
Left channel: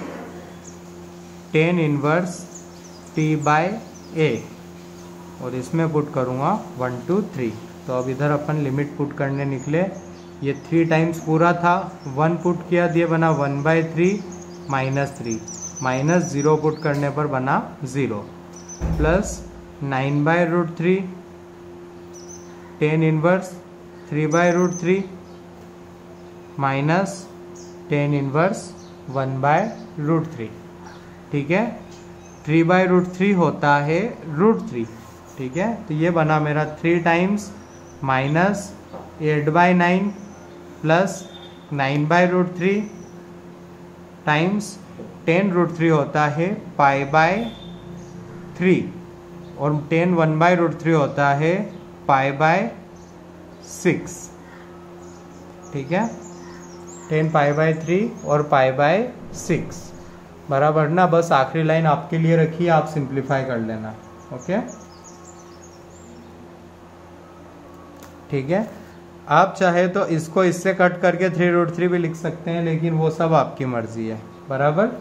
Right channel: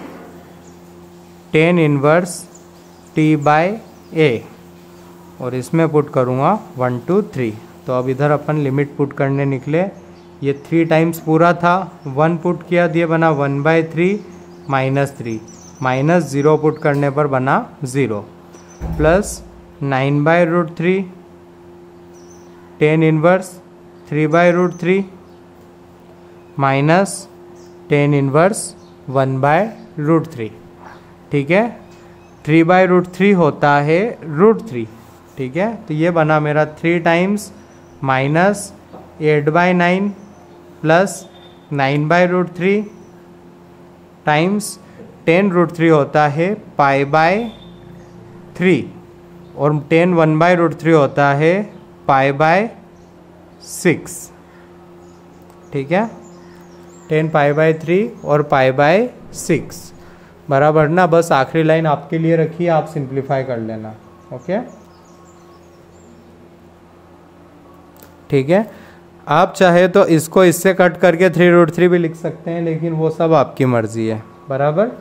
tan inverse t by a, और इसमें पुट करूँगा 1 2 3। तो अब इधर अपन लिमिट पुट करने निकले, ये 3 टाइम्स पूरा था, 1 पुट किया, दिए बना 1/3 -3 माइनस 0 पुट करने पर बना 0 plus 9/√3 tan inverse 3/√3 minus tan inverse 1/√3, ठीक है। 3/√3 होता है √3, ठीक है। तो ये बना मेरा 3 times minus 8/9 plus 9/√3 times tan√3 होता है π/3 और tan 1/√3 होता है π/6, ठीक है। tan π/3 और π/6 बराबर ना, बस आखिरी लाइन आपके लिए रखी है, आप सिंप्लीफाई कर लेना, ओके, ठीक है। आप चाहे तो इसको इससे कट करके 3√3 भी लिख सकते हैं, लेकिन वो सब आपकी मर्जी है, बराबर।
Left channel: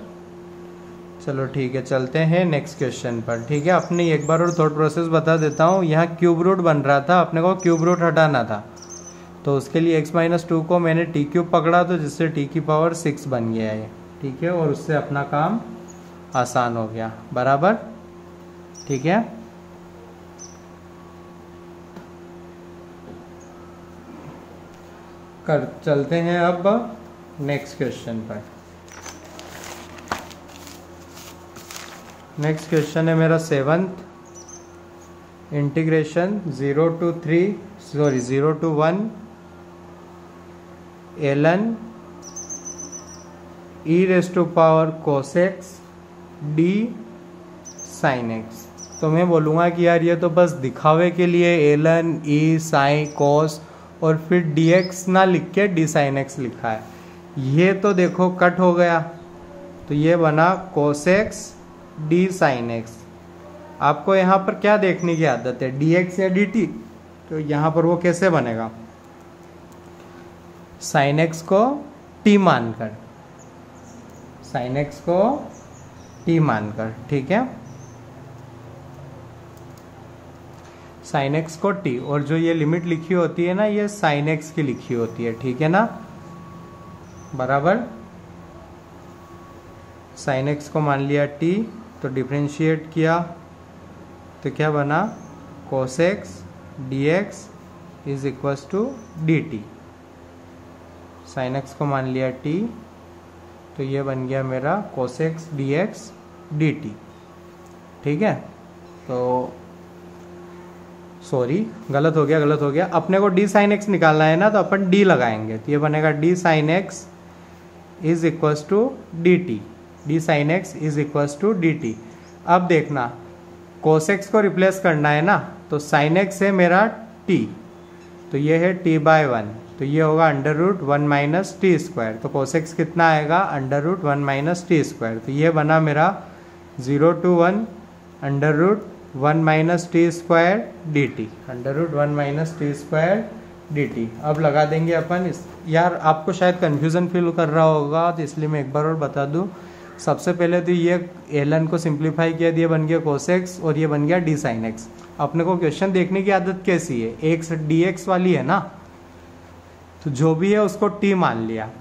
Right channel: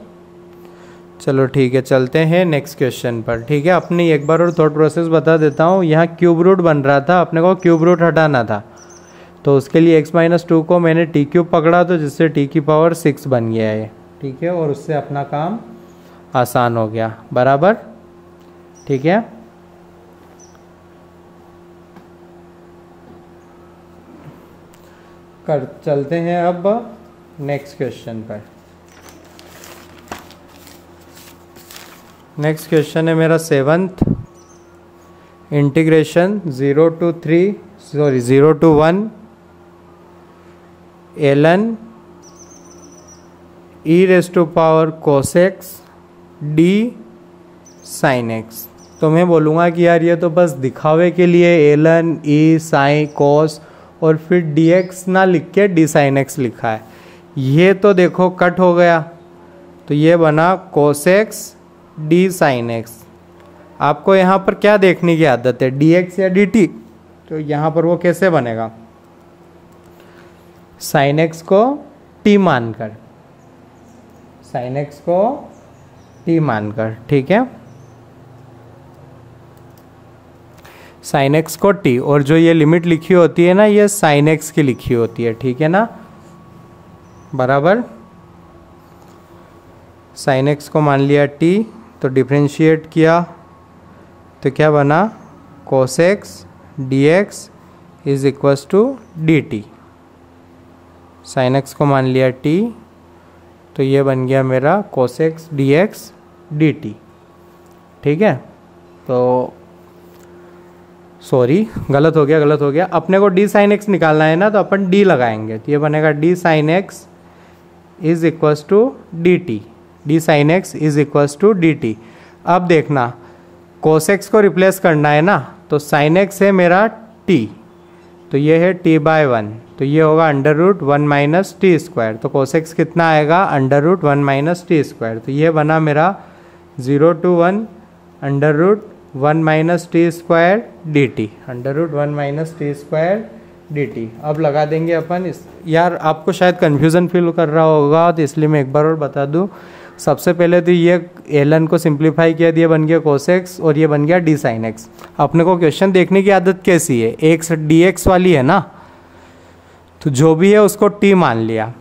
चलो ठीक है, चलते हैं नेक्स्ट क्वेश्चन पर, ठीक है। अपनी एक बार और थॉट प्रोसेस बता देता हूँ। यहाँ क्यूब रूट बन रहा था, अपने को क्यूब रूट हटाना था, तो उसके लिए x-2 को मैंने टी क्यूब पकड़ा, तो जिससे टी की पावर 6 बन गया है, ठीक है, और उससे अपना काम आसान हो गया, बराबर, ठीक है। चलते हैं अब नेक्स्ट क्वेश्चन पर। नेक्स्ट क्वेश्चन है मेरा 7th, integration 0 to 1 ln e raise to power cos x d sin x। तो मैं बोलूँगा कि यार ये तो बस दिखावे के लिए ln e sin cos और फिर dx ना लिख के d sin x लिखा है। ये तो देखो कट हो गया, तो ये बना cos x d sin x। आपको यहाँ पर क्या देखने की आदत है, dx या dt? तो यहाँ पर वो कैसे बनेगा, sin x को t मानकर, sin x को t मानकर, ठीक है, sin x को t, और जो ये लिमिट लिखी होती है ना, ये sin x की लिखी होती है, ठीक है ना, बराबर। sin x को मान लिया t, तो डिफरेंशिएट किया तो क्या बना, cos x dx is equals to dt। sin x को मान लिया t, तो ये बन गया मेरा cos x dx dt, ठीक है। तो सॉरी, गलत हो गया। अपने को d sin x निकालना है ना, तो अपन d लगाएंगे, तो ये बनेगा d sin x is equals to dt, d sin x is equals to dt। अब देखना, cos x को रिप्लेस करना है ना, तो sin x है मेरा टी, तो ये है टी बाय 1, तो ये होगा under root 1 minus T square. तो कोसेक्स कितना आएगा, under root 1 minus T square. तो ये बना मेरा 0 to 1 under root 1 minus T square d t, under root 1 minus T square d t. अब लगा देंगे अपन इस, यार आपको शायद कन्फ्यूज़न फील कर रहा होगा तो इसलिए मैं एक बार और बता दूं। सबसे पहले तो ये एलन को सिंप्लीफाई किया, ये बन गया कोसेक्स और ये बन गया डी साइन एक्स। अपने को क्वेश्चन देखने की आदत कैसी है, एक्स डी एक्स वाली है ना, तो जो भी है उसको टी मान लिया।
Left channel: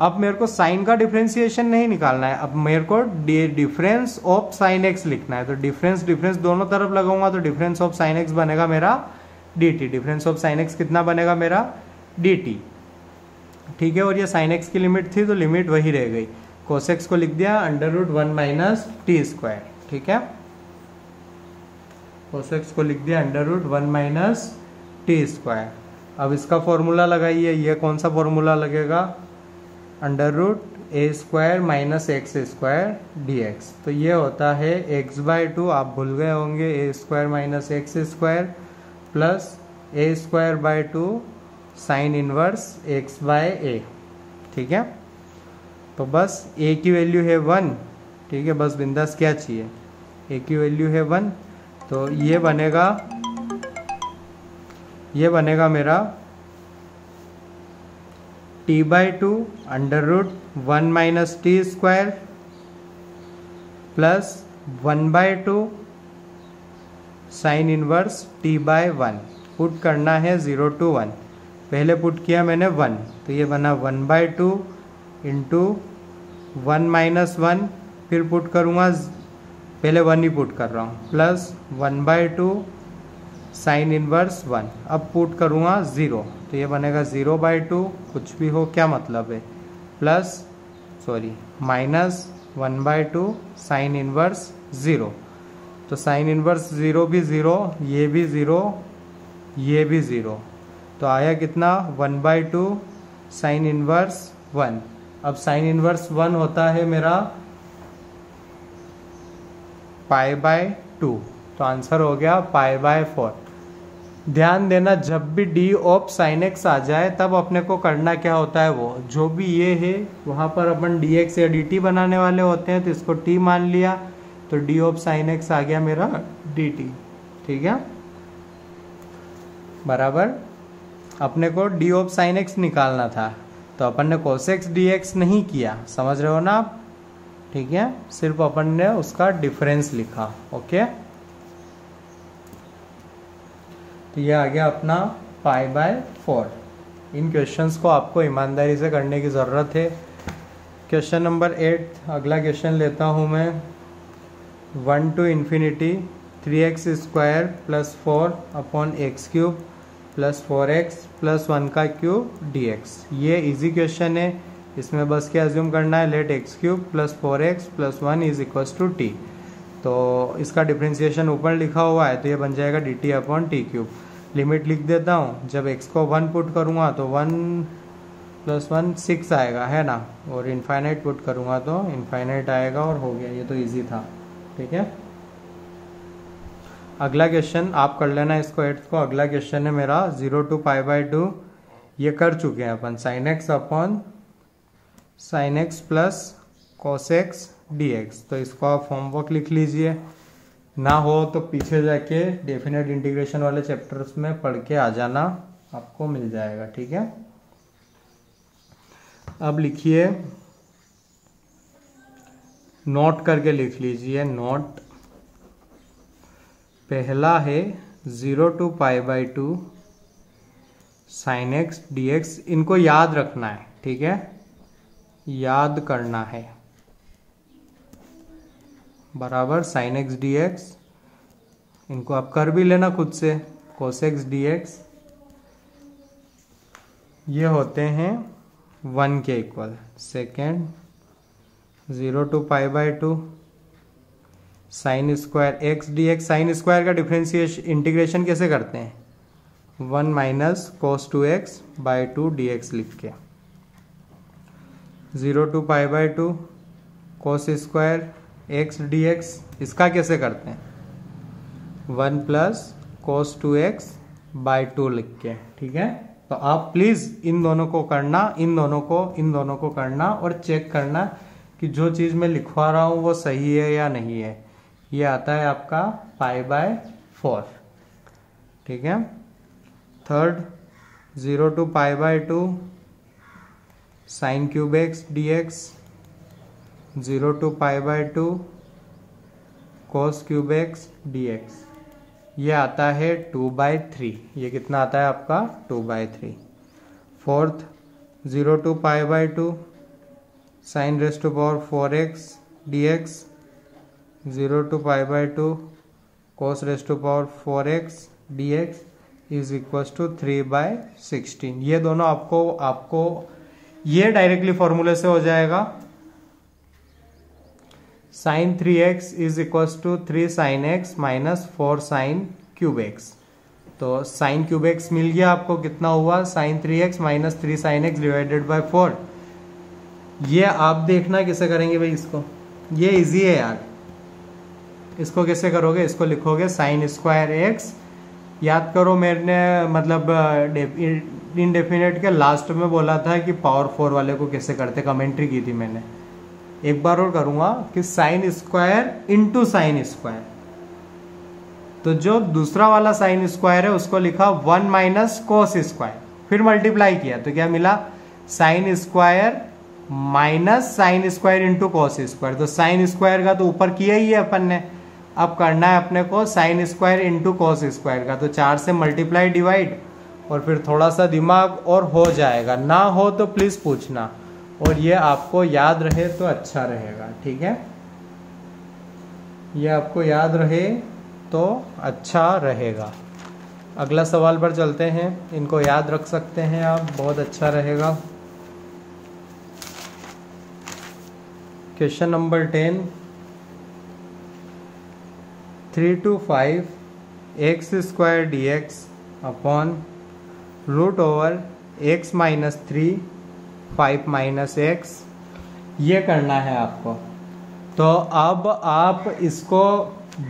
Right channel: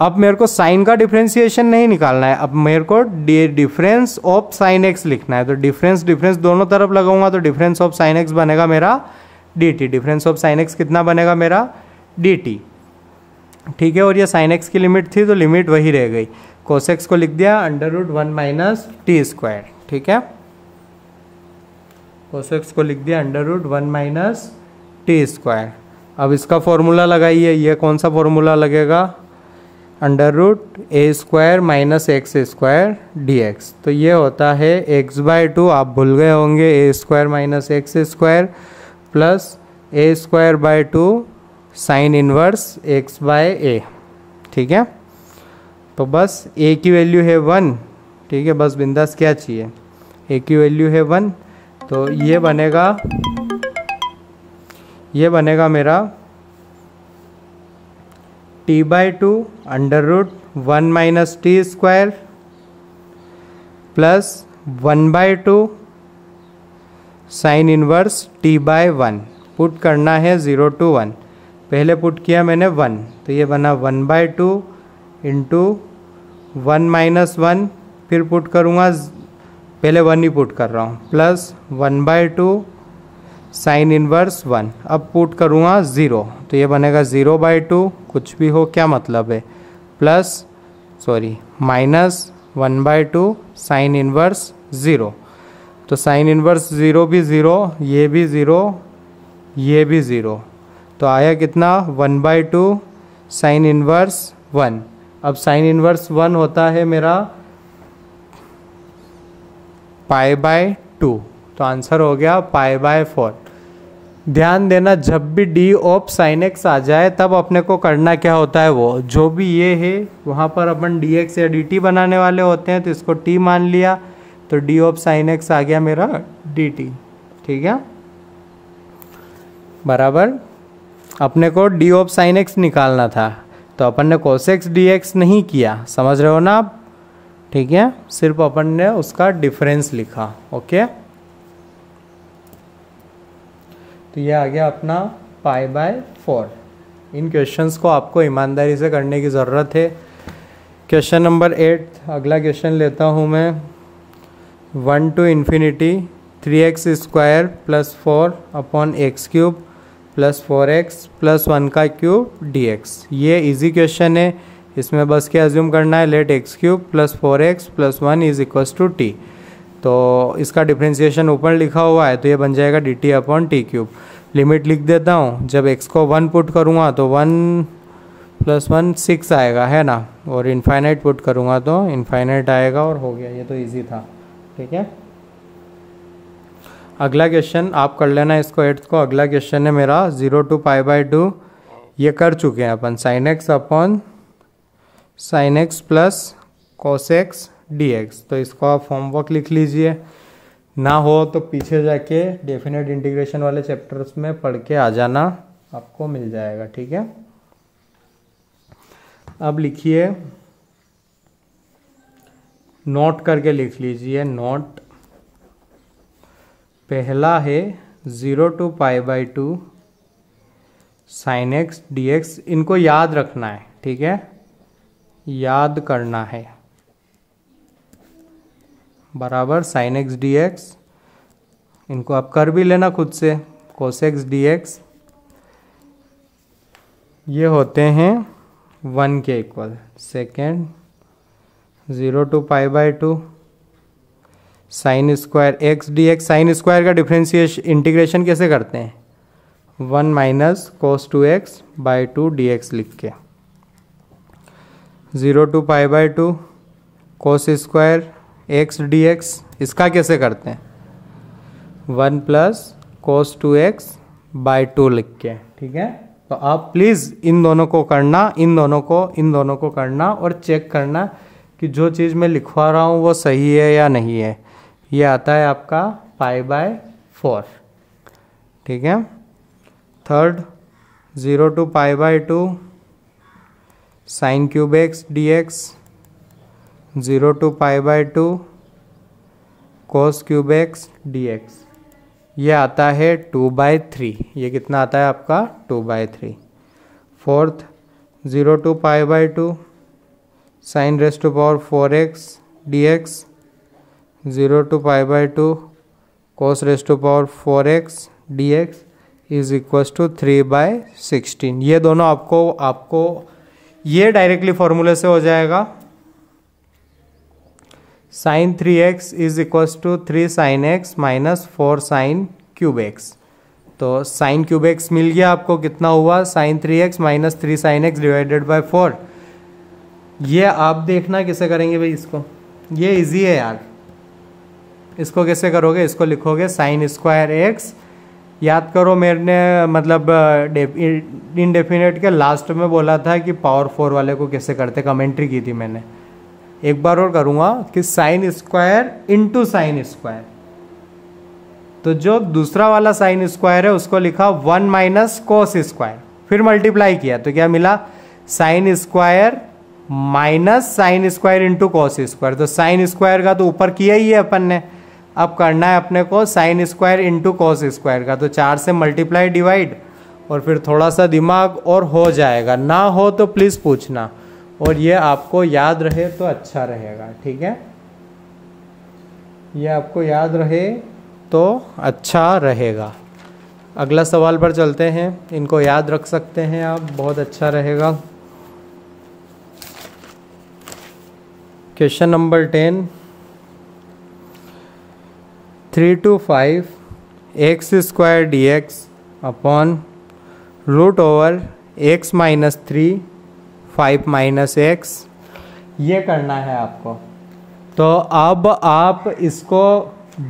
अब मेरे को साइन का डिफ्रेंसिएशन नहीं निकालना है, अब मेरे को डिफरेंस ऑफ साइन एक्स लिखना है। तो डिफरेंस दोनों तरफ लगाऊंगा तो डिफरेंस ऑफ साइन एक्स बनेगा मेरा D T. Difference of sine x कितना बनेगा मेरा डी टी, ठीक है। और ये साइन एक्स की लिमिट थी तो लिमिट वही रह गई। कोसेक्स को लिख दिया under root 1 minus T square, ठीक है। कोसेक्स को लिख दिया under root 1 minus T square. अब इसका फॉर्मूला लगाइए, ये कौन सा फॉर्मूला लगेगा, under root A square minus x square D X. तो ये होता है एक्स बाय 2, आप भूल गए होंगे, A square minus x square plus A square by 2 sine inverse X by A, ठीक है। तो बस ए की वैल्यू है 1, ठीक है, बस बिंदास क्या चाहिए, ए की वैल्यू है 1। तो ये बनेगा मेरा t by 2 under root 1 minus T square plus 1 by 2 sine inverse t by 1। Put करना है 0 to 1, पहले पुट किया मैंने 1, तो ये बना 1 बाई 2 इंटू 1 माइनस 1, फिर पुट करूँगा, पहले 1 ही पुट कर रहा हूँ, प्लस 1 बाई 2 साइन इनवर्स 1। अब पुट करूँगा 0, तो ये बनेगा 0 बाई 2, कुछ भी हो क्या मतलब है, माइनस 1 बाई 2 साइन इनवर्स 0। तो साइन इनवर्स 0 भी 0, ये भी 0, ये भी 0, तो आया कितना 1 बाई 2 साइन इनवर्स 1। अब साइन इनवर्स 1 होता है मेरा पाई बाय 2, तो आंसर हो गया पाई बाय 4। ध्यान देना, जब भी डी ऑफ साइन एक्स आ जाए तब अपने को करना क्या होता है, वो जो भी ये है वहाँ पर अपन डी एक्स या डी टी बनाने वाले होते हैं, तो इसको टी मान लिया, तो डी ऑफ साइन एक्स आ गया मेरा डी टी, ठीक है, बराबर। अपने को डी ऑफ साइन एक्स निकालना था, तो अपन ने कोसेक्स डी एक्स नहीं किया, समझ रहे हो ना आप, ठीक है, सिर्फ अपन ने उसका डिफरेंस लिखा, ओके। तो ये आ गया अपना पाई बाय 4। इन क्वेश्चंस को आपको ईमानदारी से करने की ज़रूरत है। क्वेश्चन नंबर 8, अगला क्वेश्चन लेता हूँ मैं, 1 to infinity 3x square plus 4 upon x cube plus 4x plus 1 का क्यूब dx। ये इजी क्वेश्चन है, इसमें बस क्या अज्यूम करना है, let x cube plus 4x plus 1 is equals to t. तो इसका डिफ्रेंसिएशन ऊपर लिखा हुआ है, तो ये बन जाएगा dt upon T cube. Limit लिख देता हूँ, जब x को 1 पुट करूँगा तो 1 प्लस 1 6 आएगा, है ना, और इनफाइनाइट पुट करूँगा तो इनफाइनाइट आएगा, और हो गया, ये तो इजी था, ठीक है। अगला क्वेश्चन आप कर लेना इसको 8th को। अगला क्वेश्चन है मेरा 0 to पाई बाई 2, ये कर चुके हैं अपन, sine X upon sine X plus cos X D X. तो इसको आप होमवर्क लिख लीजिए, ना हो तो पीछे जाके डेफिनेट इंटीग्रेशन वाले चैप्टर्स में पढ़ के आ जाना, आपको मिल जाएगा, ठीक है। अब लिखिए, नोट करके लिख लीजिए, नोट। पहला है 0 to pi by 2 sine x D x, इनको याद रखना है, ठीक है, याद करना है, बराबर साइन एक्स डी एक्स, इनको आप कर भी लेना खुद से, कोस एक्स डी एक्स, ये होते हैं 1 के equal. Second 0 to pi by 2 sine square x D x, sine square का डिफ्रेंशिएशन इंटीग्रेशन कैसे करते हैं, 1 minus cos 2x by 2 D x लिख के। 0 to pi by 2 cos square x D x, इसका कैसे करते हैं, 1 प्लस कोस 2x बाय 2 लिख के, ठीक है। तो आप प्लीज़ इन दोनों को करना, इन दोनों को करना और चेक करना कि जो चीज़ मैं लिखवा रहा हूँ वो सही है या नहीं है। ये आता है आपका π/4, ठीक है। Third 0 to π/2 sin cube x dx, 0 to π/2 cos cube x dx, ये आता है 2/3। ये कितना आता है आपका 2/3। Fourth 0 to π/2 sin raised to power 4x dx, 0 to π/2 cos raised to power 4x dx is equals to 3/16। ये दोनों आपको ये डायरेक्टली फॉर्मूले से हो जाएगा। sin 3x is equals to 3 sin x minus 4 sin cube x। तो sin क्यूब x मिल गया आपको, कितना हुआ sin 3x minus 3 sin x divided by 4। ये आप देखना कैसे करेंगे भाई इसको, ये इजी है यार। इसको कैसे करोगे, इसको लिखोगे sin स्क्वायर x, याद करो मैंने मतलब इनडेफिनेट के लास्ट में बोला था कि पावर 4 वाले को कैसे करते, कमेंट्री की थी मैंने। एक बार और करूंगा कि sine square into sine square, तो जो दूसरा वाला साइन स्क्वायर है उसको लिखा 1 माइनस कोस स्क्वायर, फिर मल्टीप्लाई किया तो क्या मिला sine square minus sine square into cos square. तो साइन स्क्वायर का तो ऊपर किया ही है अपन ने, अब करना है अपने को sine square into cos square का। तो 4 से मल्टीप्लाई डिवाइड और फिर थोड़ा सा दिमाग और हो जाएगा, ना हो तो प्लीज़ पूछना, और ये आपको याद रहे तो अच्छा रहेगा, ठीक है। ये आपको याद रहे तो अच्छा रहेगा। अगला सवाल पर चलते हैं, इनको याद रख सकते हैं आप, बहुत अच्छा रहेगा। Question number 10, 3 to 5 x square dx upon root over x minus 3 5 minus x, ये करना है आपको। तो अब आप इसको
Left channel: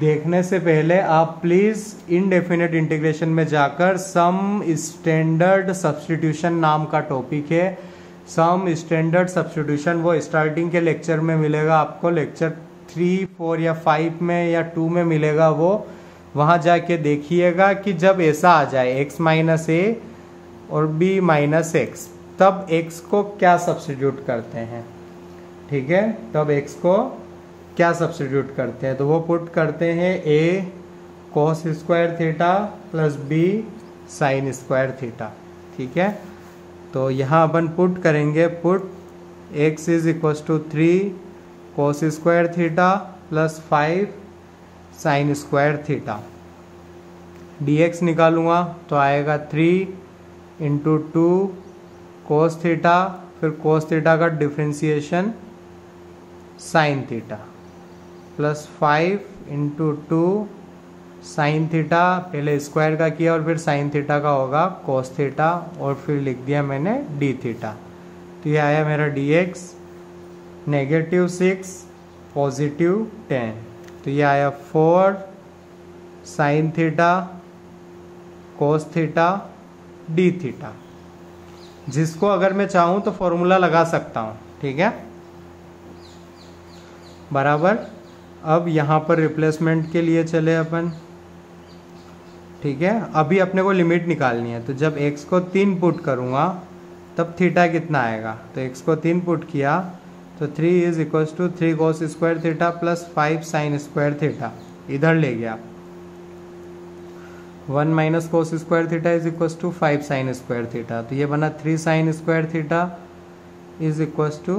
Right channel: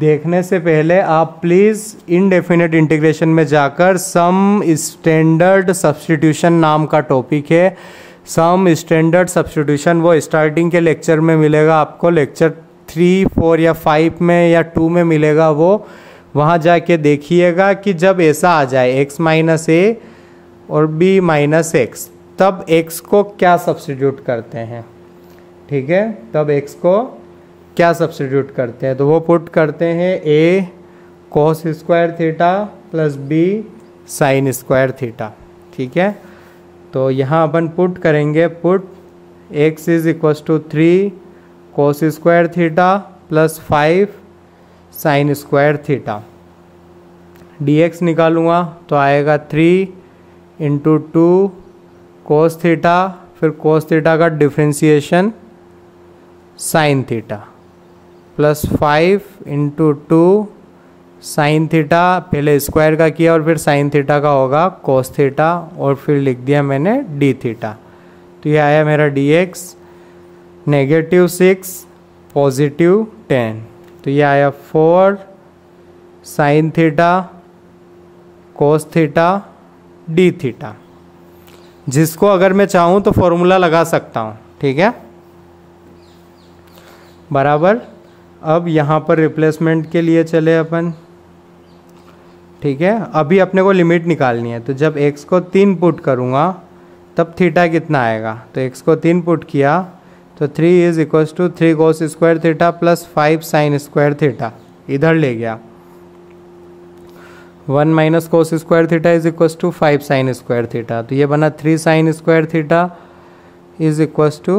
देखने से पहले आप प्लीज़ इनडेफिनेट इंटीग्रेशन में जाकर सम स्टैंडर्ड सब्स्टिट्यूशन नाम का टॉपिक है, सम स्टैंडर्ड सब्स्टिट्यूशन, वो स्टार्टिंग के लेक्चर में मिलेगा आपको, लेक्चर 3, 4 या 5 में या 2 में मिलेगा वो, वहाँ जाके देखिएगा कि जब ऐसा आ जाए x माइनस a और b माइनस x, तब x को क्या सब्स्टिट्यूट करते हैं, ठीक है। तब x को क्या सब्स्टिट्यूट करते हैं, तो वो पुट करते हैं a cos square theta plus b sine square theta, ठीक है। तो यहाँ अपन पुट करेंगे, put x is equal to 3 cos square theta plus 5 sine square theta, dx निकालूंगा तो आएगा 3 इंटू 2 कोस थीटा, फिर कोस थीटा का differentiation sine theta, plus 5 into 2 sine theta, पहले स्क्वायर का किया और फिर साइन थीटा का होगा कोस थीटा, और फिर लिख दिया मैंने डी थीटा। तो ये आया मेरा dx -6 पॉजिटिव 10, तो ये आया 4 sine theta cos theta D theta, जिसको अगर मैं चाहूँ तो फॉर्मूला लगा सकता हूँ, ठीक है, बराबर। अब यहाँ पर रिप्लेसमेंट के लिए चले अपन, ठीक है। अभी अपने को लिमिट निकालनी है, तो जब x को 3 पुट करूँगा तब थीटा कितना आएगा, तो x को 3 पुट किया तो 3 is equal to 3 cos square theta plus 5 sine square theta, इधर ले गया 1 minus cos square theta is equal to 5 sine square theta, तो ये बना 3 sine square theta is equal to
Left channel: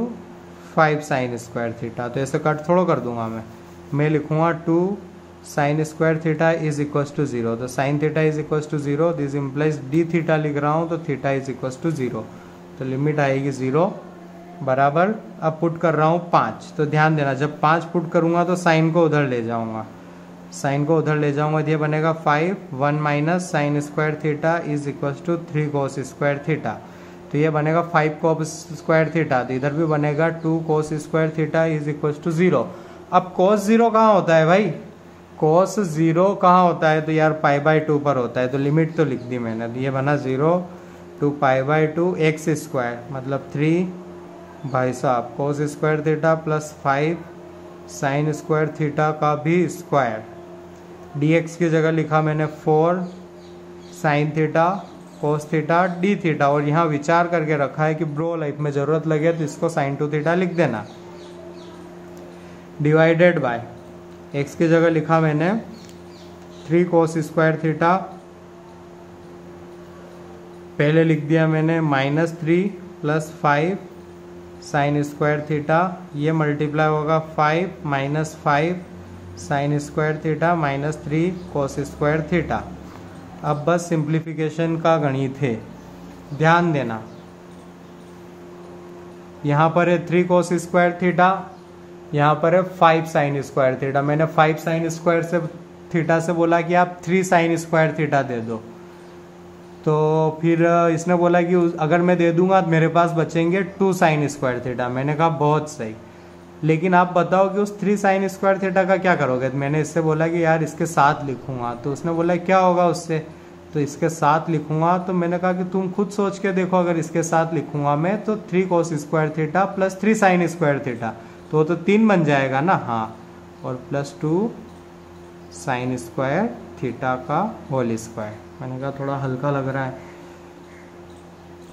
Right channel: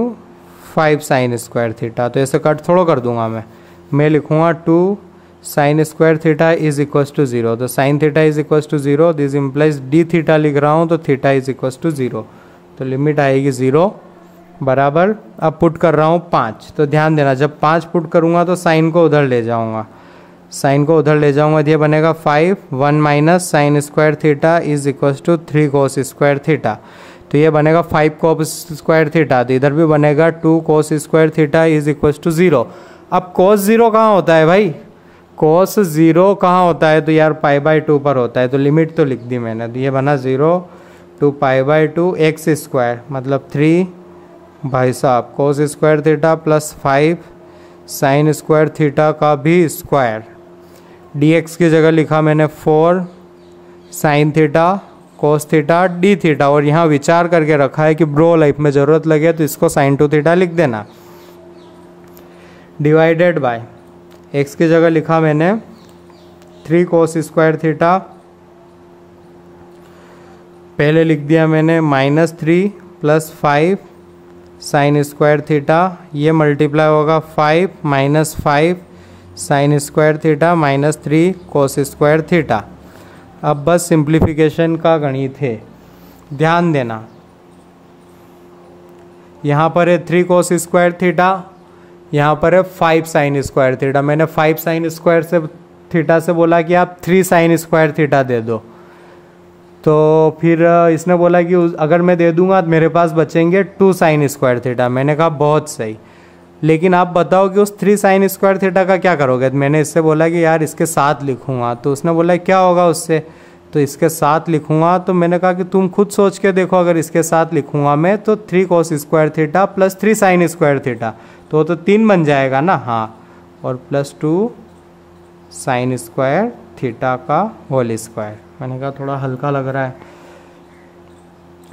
5 sine square theta. तो ऐसे कट थोड़ा कर दूंगा मैं लिखूंगा 2 sine square theta is equal to 0, तो sine theta is equal to 0, this implies D theta लिख रहा हूँ, तो थीटा इज इक्वल टू 0, तो लिमिट आएगी 0, बराबर। अब पुट कर रहा हूँ 5, तो ध्यान देना जब 5 पुट करूँगा तो साइन को उधर ले जाऊँगा, साइन को उधर ले जाऊँगा, तो ये बनेगा 5 1 minus sine square theta is equal to 3 cos square theta, तो ये बनेगा 5 कोस स्क्वायर थीटा, तो इधर भी बनेगा 2 cos square theta is equal to 0। अब कोस 0 कहाँ होता है भाई, cos 0 कहाँ होता है? तो यार π/2 पर होता है, तो लिमिट तो लिख दी मैंने। तो ये बना 0 to π/2 एक्स स्क्वायर मतलब 3 भाई साहब cos square theta plus 5 sine square theta का भी स्क्वायर। dx की जगह लिखा मैंने 4 sine theta cos theta D theta, और यहाँ विचार करके रखा है कि ब्रो लाइफ में ज़रूरत लगे तो इसको sin 2 थीटा लिख देना। डिवाइडेड बाय x की जगह लिखा मैंने 3 cos स्क्वायर थीटा, पहले लिख दिया मैंने -3 प्लस 5 साइन स्क्वायर थीटा, ये मल्टीप्लाई होगा 5 minus 5 sine square theta minus 3 cos square theta. अब बस सिंप्लीफिकेशन का गणित है, ध्यान देना। यहाँ पर है 3 cos स्क्वायर थीटा, यहाँ पर है 5 साइन स्क्वायर थीटा। मैंने 5 साइन स्क्वायर से थीटा से बोला कि आप 3 साइन स्क्वायर थीटा दे दो, तो फिर इसने बोला कि अगर मैं दे दूंगा तो मेरे पास बचेंगे 2 साइन स्क्वायर थीटा। मैंने कहा बहुत सही, लेकिन आप बताओ कि उस 3 साइन स्क्वायर थीटा का क्या करोगे? तो मैंने इससे बोला कि यार इसके साथ लिखूंगा, तो उसने बोला क्या होगा उससे? तो इसके साथ लिखूंगा। तो मैंने कहा कि तुम खुद सोच के देखो, अगर इसके साथ लिखूंगा मैं तो 3 cos square theta plus 3 sine square theta, तो 3 बन जाएगा ना। हाँ, और प्लस 2 साइन स्क्वायर थीटा का होल स्क्वायर। मैंने कहा थोड़ा हल्का लग रहा है,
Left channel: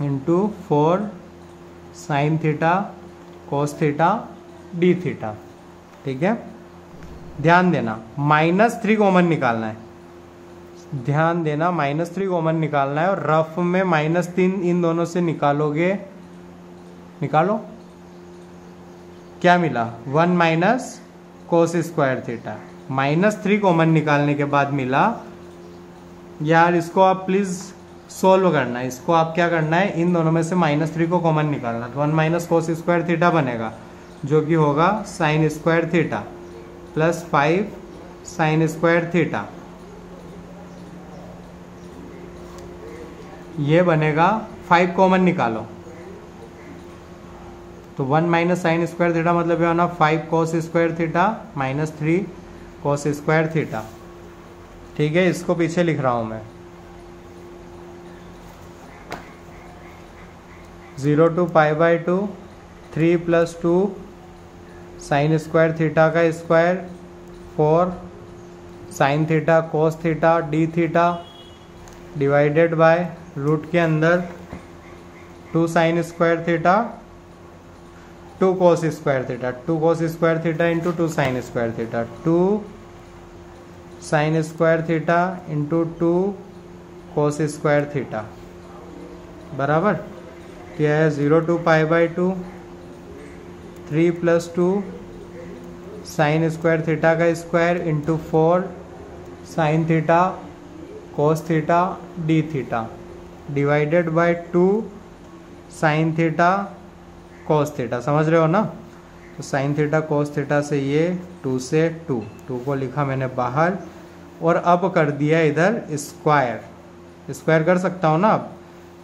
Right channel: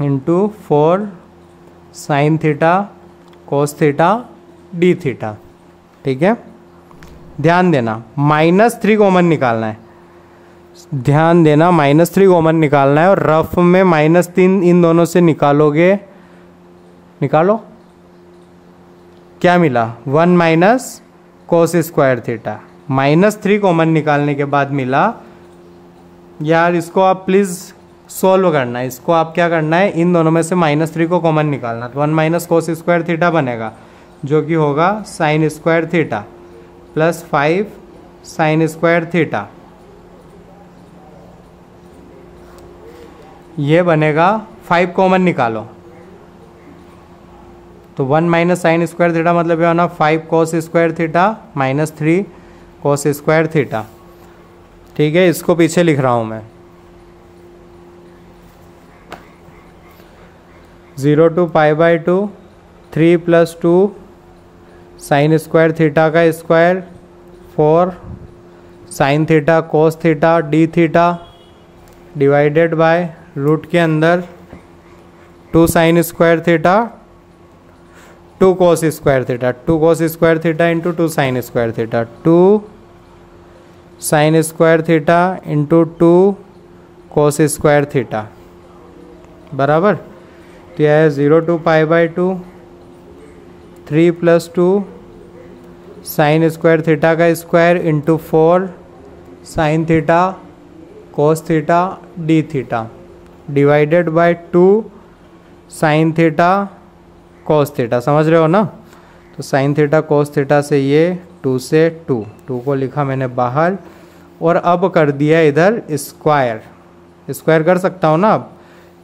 into 4 sine theta cos theta D theta. ठीक है, ध्यान देना -3 कॉमन निकालना है, ध्यान देना -3 कॉमन निकालना है, और रफ में -3 इन दोनों से निकालोगे, निकालो क्या मिला? 1 minus cos square theta. -3 common निकालने के बाद मिला, यार इसको आप प्लीज़ सोल्व करना है। इसको आप क्या करना है, इन दोनों में से -3 को कॉमन निकालना। तो 1 माइनस कोस स्क्वायर थीटा बनेगा, जो कि होगा sign square theta plus 5 sine square theta, ये बनेगा 5 कॉमन निकालो। तो 1 माइनस साइन स्क्वायर थीटा मतलब ये होना 5 कोस square theta minus 3 cos square theta. ठीक है, इसको पीछे लिख रहा हूं मैं। 0 to π/2 3 plus 2 sine square theta का square 4 sine theta cos theta D theta, divided by root के अंदर 2 sine square theta 2 cos square theta, 2 cos square theta into 2 sine square theta, 2 sine square theta into 2 cos square theta बराबर। तो यह है 0 to π/2 3 plus 2 sine square theta का square into 4 sine theta cos theta D theta, divided bye 2 sign theta cos theta. समझ रहे हो ना? तो साइन थीटा कोस थीटा से ये 2 से 2 को लिखा मैंने बाहर, और अब कर दिया इधर स्क्वायर, स्क्वायर कर सकता हूँ ना अब।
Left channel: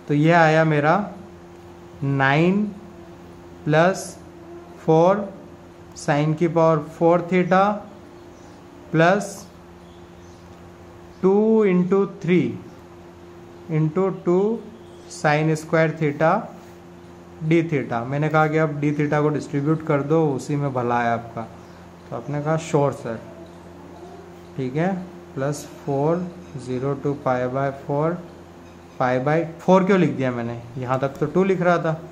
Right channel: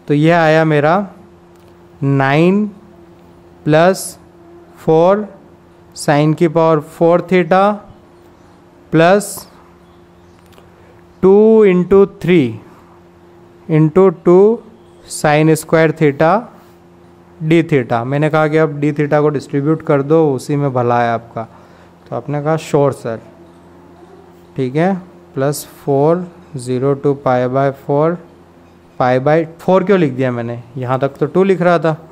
तो ये आया मेरा 9 प्लस 4 साइन की power 4 theta plus 2 into 3 into 2 sine square theta D theta. मैंने कहा कि अब डी थीटा को डिस्ट्रीब्यूट कर दो, उसी में भला है आपका। तो आपने कहा श्योर सर। ठीक है, प्लस 4 0 to π/4 π/4 क्यों लिख दिया मैंने? यहाँ तक तो 2 लिख रहा था,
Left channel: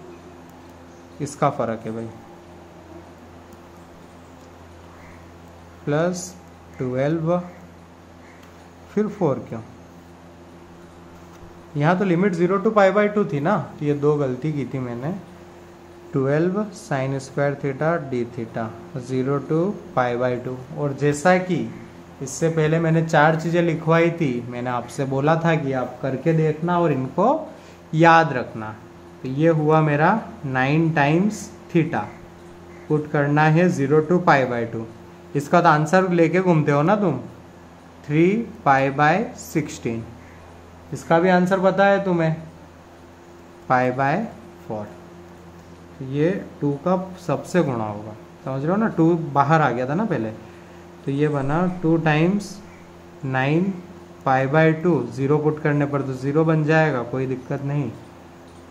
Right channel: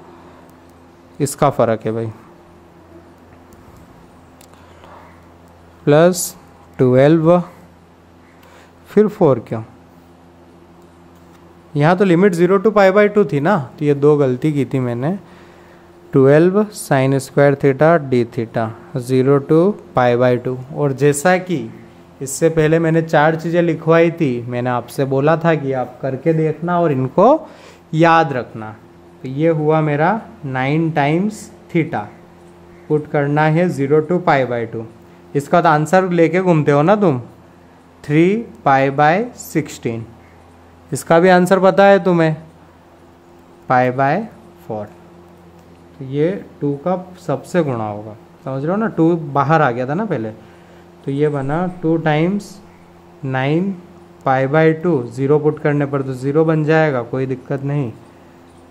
इसका फ़र्क है भाई। प्लस 12 फिर 4 क्यों? यहाँ तो लिमिट 0 to π/2 थी ना, तो ये 2 गलती की थी मैंने। 12 sign square theta D theta 0 to π/2। और जैसा कि इससे पहले मैंने 4 चीज़ें लिखवाई थी, मैंने आपसे बोला था कि आप करके देखना और इनको याद रखना। तो ये हुआ मेरा 9 टाइम्स थीटा, पुट करना है 0 to π/2। इसका तो आंसर लेके घूमते हो ना तुम, 3π/16। इसका भी आंसर पता है तुम्हें, π/4। ये 2 का सबसे गुणा होगा, समझ रहे हो ना? 2 बाहर आ गया था ना पहले, तो ये बना 2 टाइम्स 9 पाई बाई 2, 0 पुट करने पर तो 0 बन जाएगा, कोई दिक्कत नहीं।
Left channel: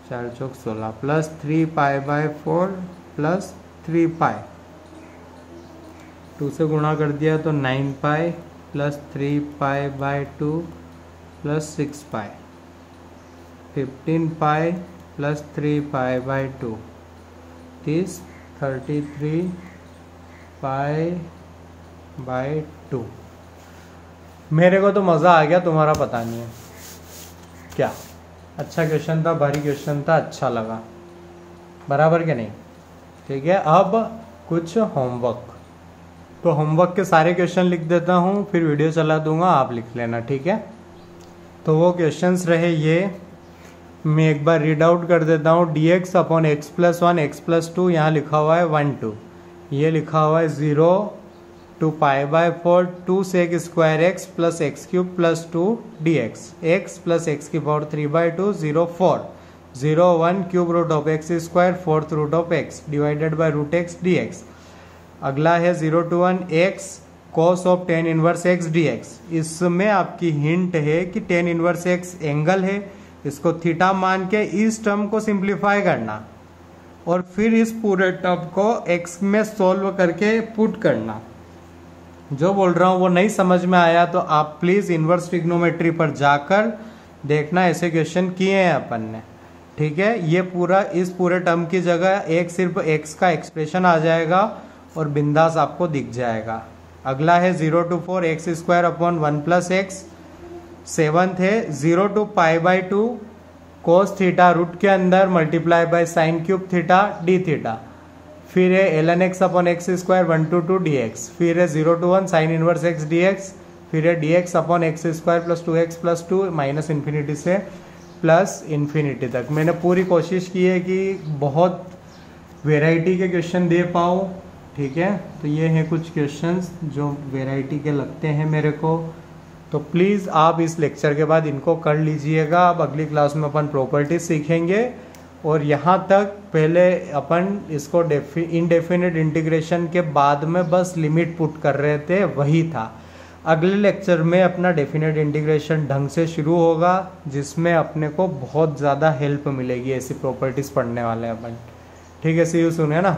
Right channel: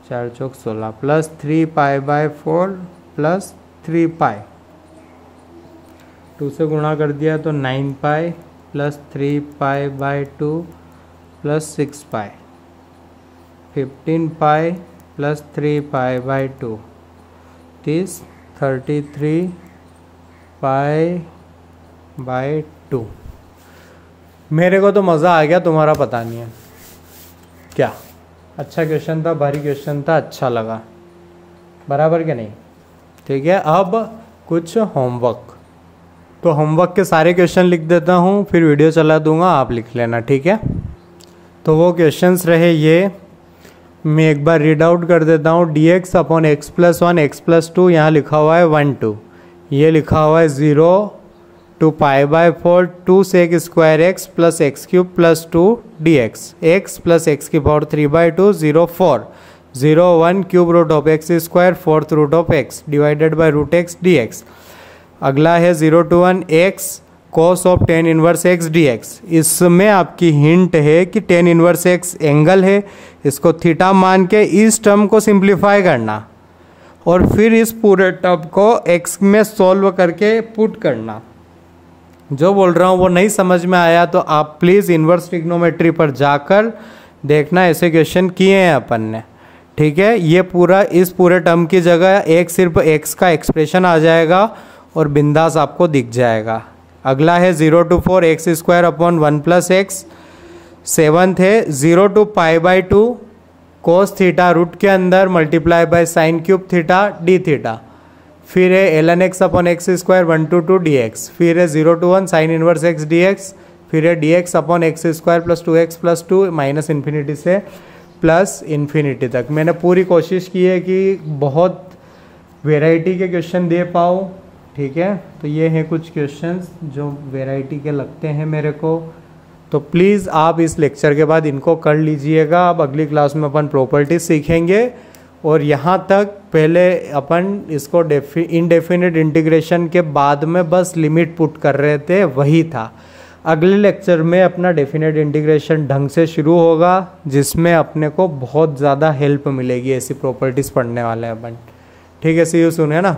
4 चौक 16 प्लस 3 पाई बाई 4 प्लस 3 पाई, 2 से गुणा कर दिया तो 9 pi plus 3 pi by 2 plus 6 pi, 15 pi plus 3 pi by 2 is 33 pi by 2। मेरे को तो मज़ा आ गया, तुम्हारा पता नहीं है क्या। अच्छा क्वेश्चन था, भारी क्वेश्चन था, अच्छा लगा, बराबर क्या नहीं। ठीक है, अब कुछ होमवर्क। तो होमवर्क के सारे क्वेश्चन लिख देता हूँ, फिर वीडियो चला दूंगा, आप लिख लेना, ठीक है। तो वो क्वेश्चंस रहे ये, मैं एक बार रीड आउट कर देता हूँ। dx upon X plus 1 x plus 2, यहाँ लिखा हुआ है 1 2, ये लिखा हुआ है 0 to pi by 4 2 sec square X plus X cube plus 2 dx, X plus X की power 3 by 2 0 4 0 1 cube root of X square 4th root of X divided by root X dx। अगला है 0 to 1 x cos of tan inverse x dx। इसमें आपकी hint है कि tan inverse x angle है, इसको theta मान के इस टर्म को सिंप्लीफाई करना और फिर इस पूरे टर्म को x में सॉल्व करके पुट करना। जो बोल रहा हूँ वो नहीं समझ में आया तो आप प्लीज़ इनवर्स ट्रिग्नोमेट्री पर जाकर देखना, ऐसे क्वेश्चन किए हैं अपन ने, ठीक है। ये पूरा इस पूरे टर्म की जगह एक सिर्फ x का एक्सप्रेशन आ जाएगा और बिंदास आपको दिख जाएगा। अगला है 0 to 4 x square upon 1 plus x. 7th है 0 to pi by 2 cos theta root के अंदर multiply by sine cube theta D theta. फिर है ln x upon x square 1 to 2 dx। फिर है 0 to 1 sine inverse x dx। फिर है dx upon x square plus 2x plus 2 minus infinity से plus infinity तक। मैंने पूरी कोशिश की है कि बहुत वेराइटी के क्वेश्चन दे पाऊँ, ठीक है। तो ये हैं कुछ क्वेश्चंस जो वेराइटी के लगते हैं मेरे को। तो प्लीज़ आप इस लेक्चर के बाद इनको कर लीजिएगा। अब अगली क्लास में अपन प्रॉपर्टीज सीखेंगे और यहाँ तक पहले अपन इसको इनडेफिनिट इंटीग्रेशन के बाद में बस लिमिट पुट कर रहे थे, वही था। अगले लेक्चर में अपना डेफिनेट इंटीग्रेशन ढंग से शुरू होगा जिसमें अपने को बहुत ज़्यादा हेल्प मिलेगी, ऐसी प्रॉपर्टीज़ पढ़ने वाले हैं अपन, ठीक है। सी यू सून, है ना।